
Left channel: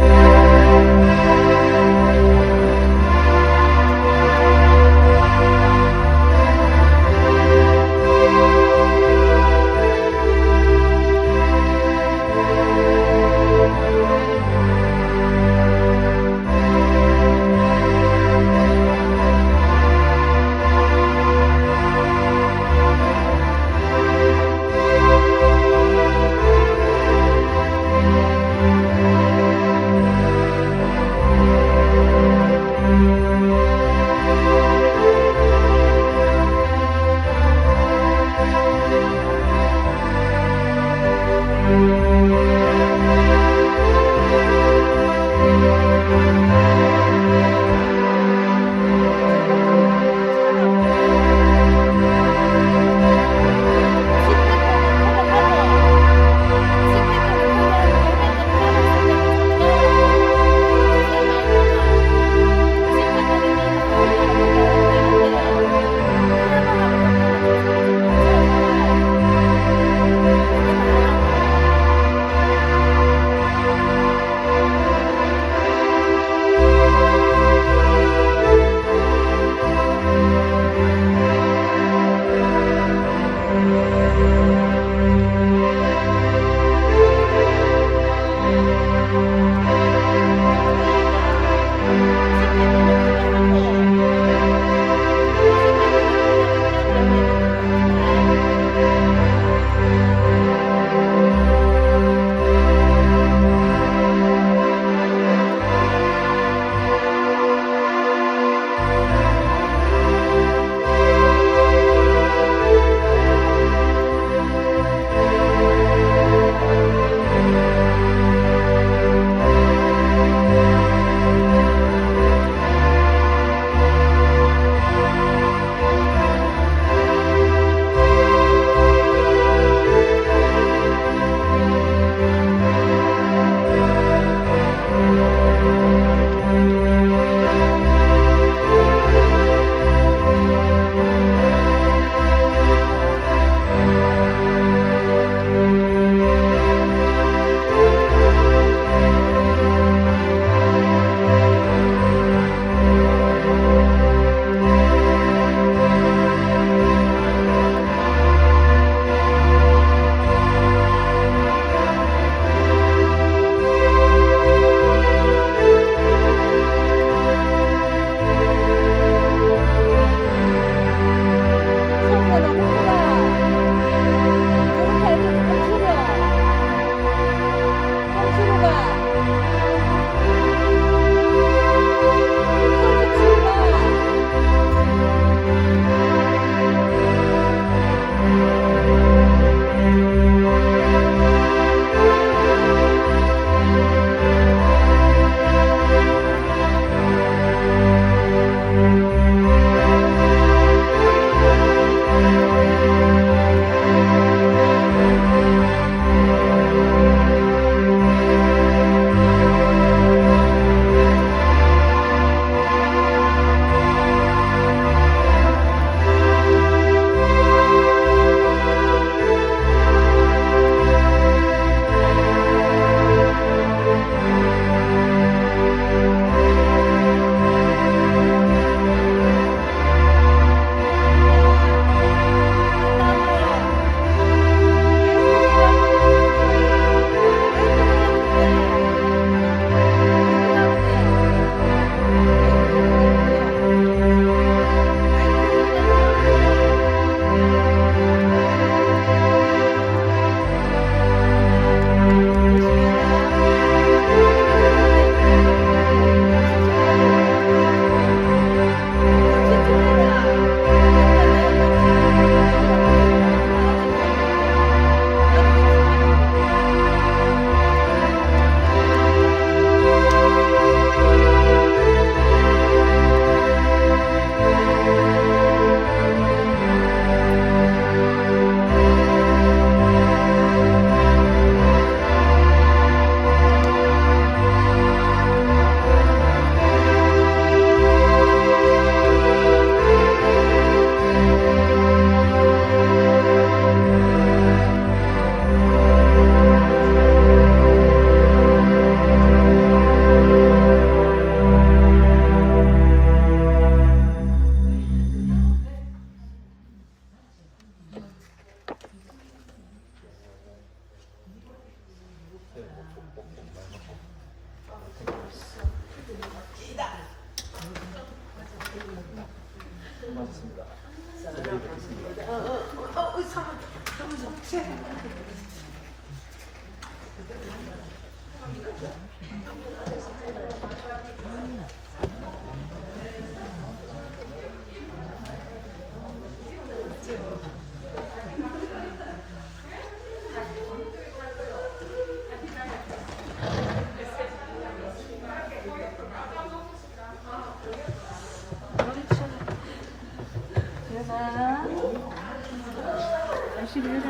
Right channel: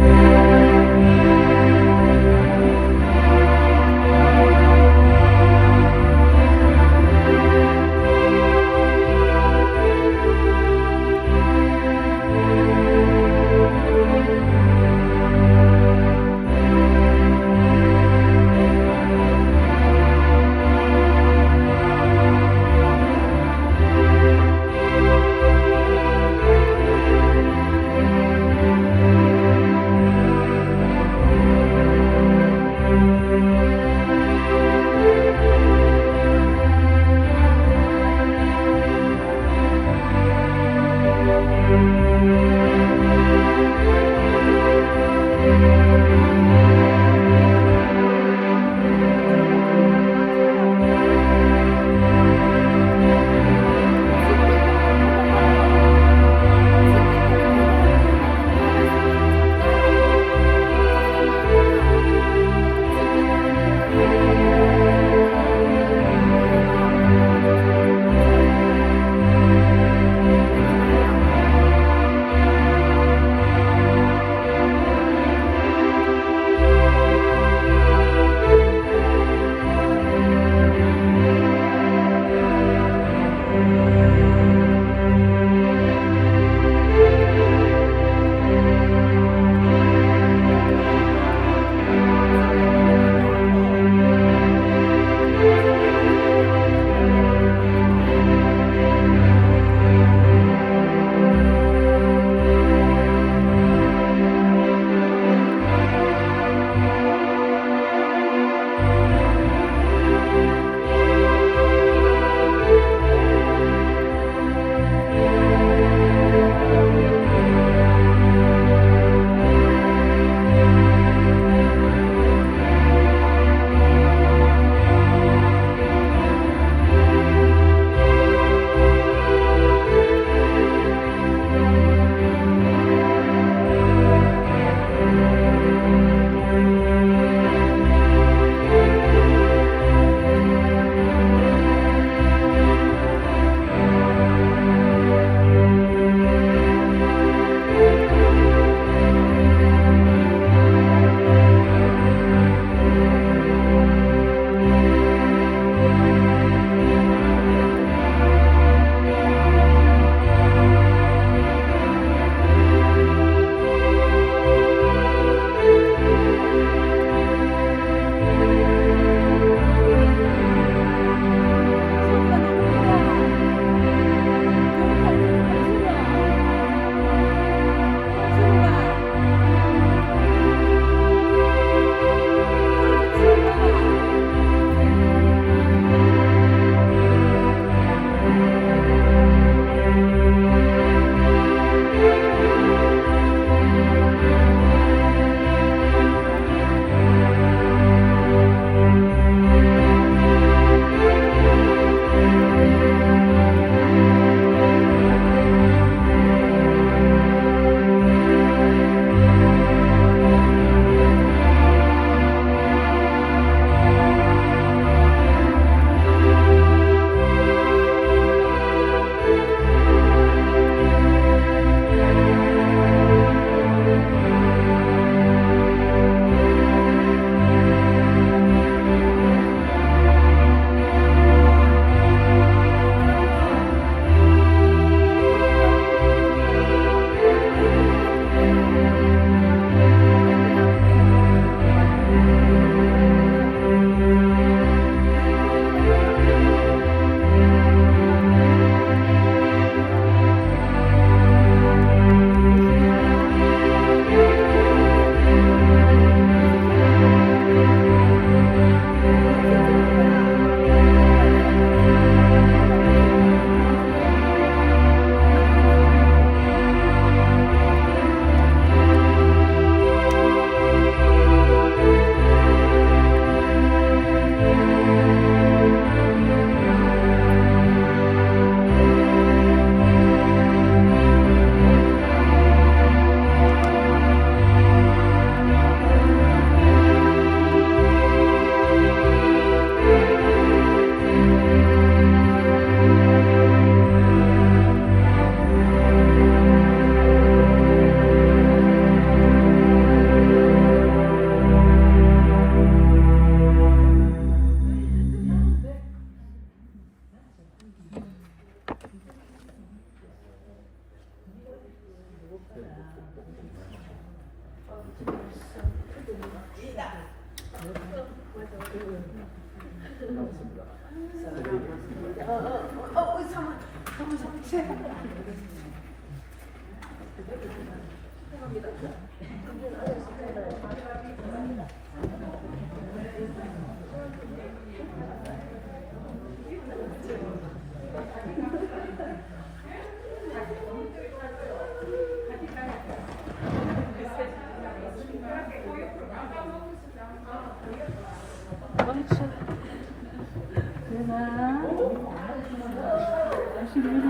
열심히 해라.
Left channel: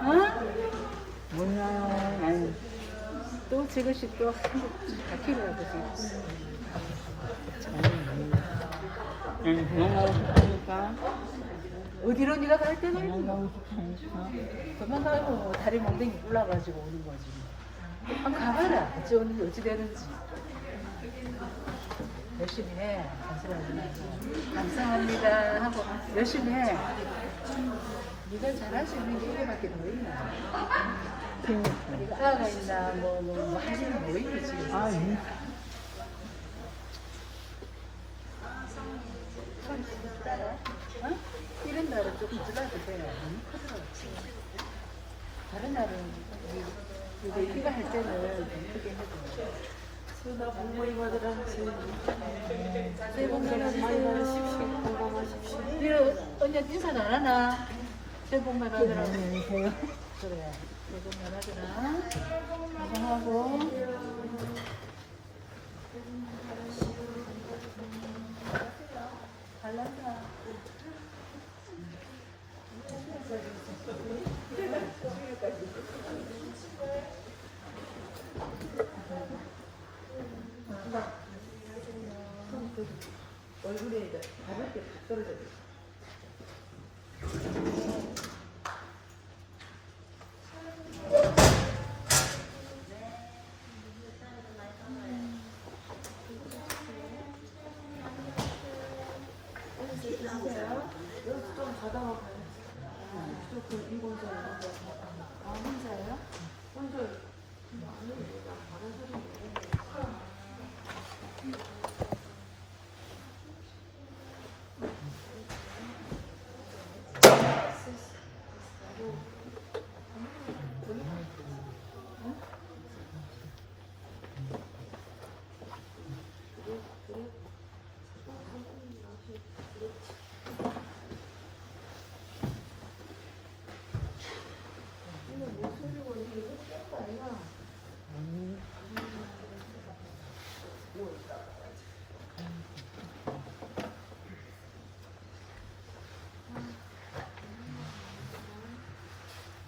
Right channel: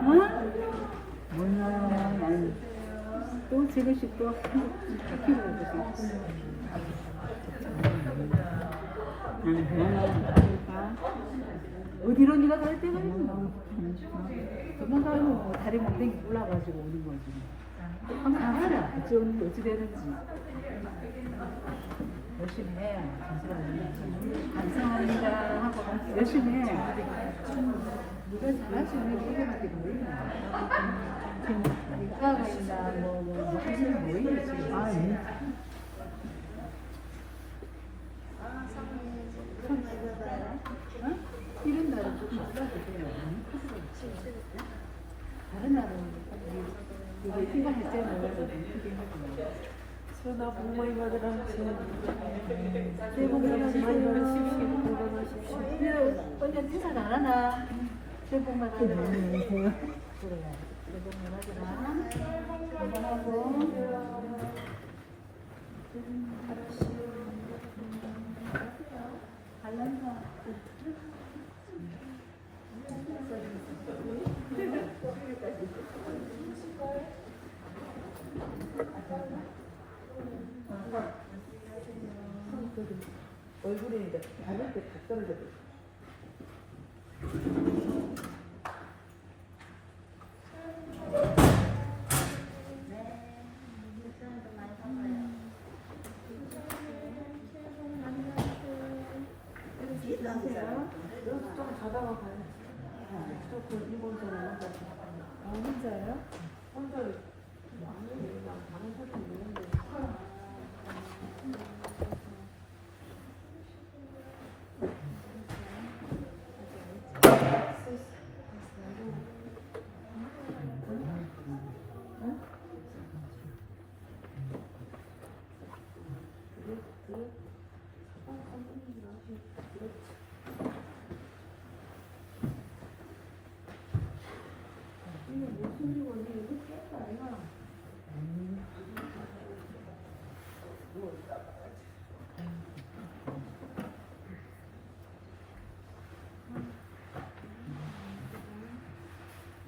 응? 뭐야, 또 지고 싶어. 어디로 네가 갈 데가 있어? 도망가고 다리 몽댕이 올라가지고 오는 거지. 한번 가봐라. 어찌 되는지. 열심히 해. 감사합니다. 하고 열심히 해. 네가 잘할 수 있는 노래밖에 몰라. 이과가이나 뭐 하시는 뭐 이러지. 아, 예. 어? 이런 날은 조금 줄여주세요. 다른 날은 큰거 할 때는 크게 했고. 수연아 복 많이 받으라. 새해 복 많이 받으십시오. 건강하십시오. 언제 인사 안 하나? 새해 복 많이 받으라. 그래. 새해 복 많이 받으라. 건강하고. 잘난다. 얼굴이 바를 때툭 떨어져 버려. 혼자요?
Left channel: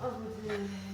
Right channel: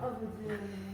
아버지.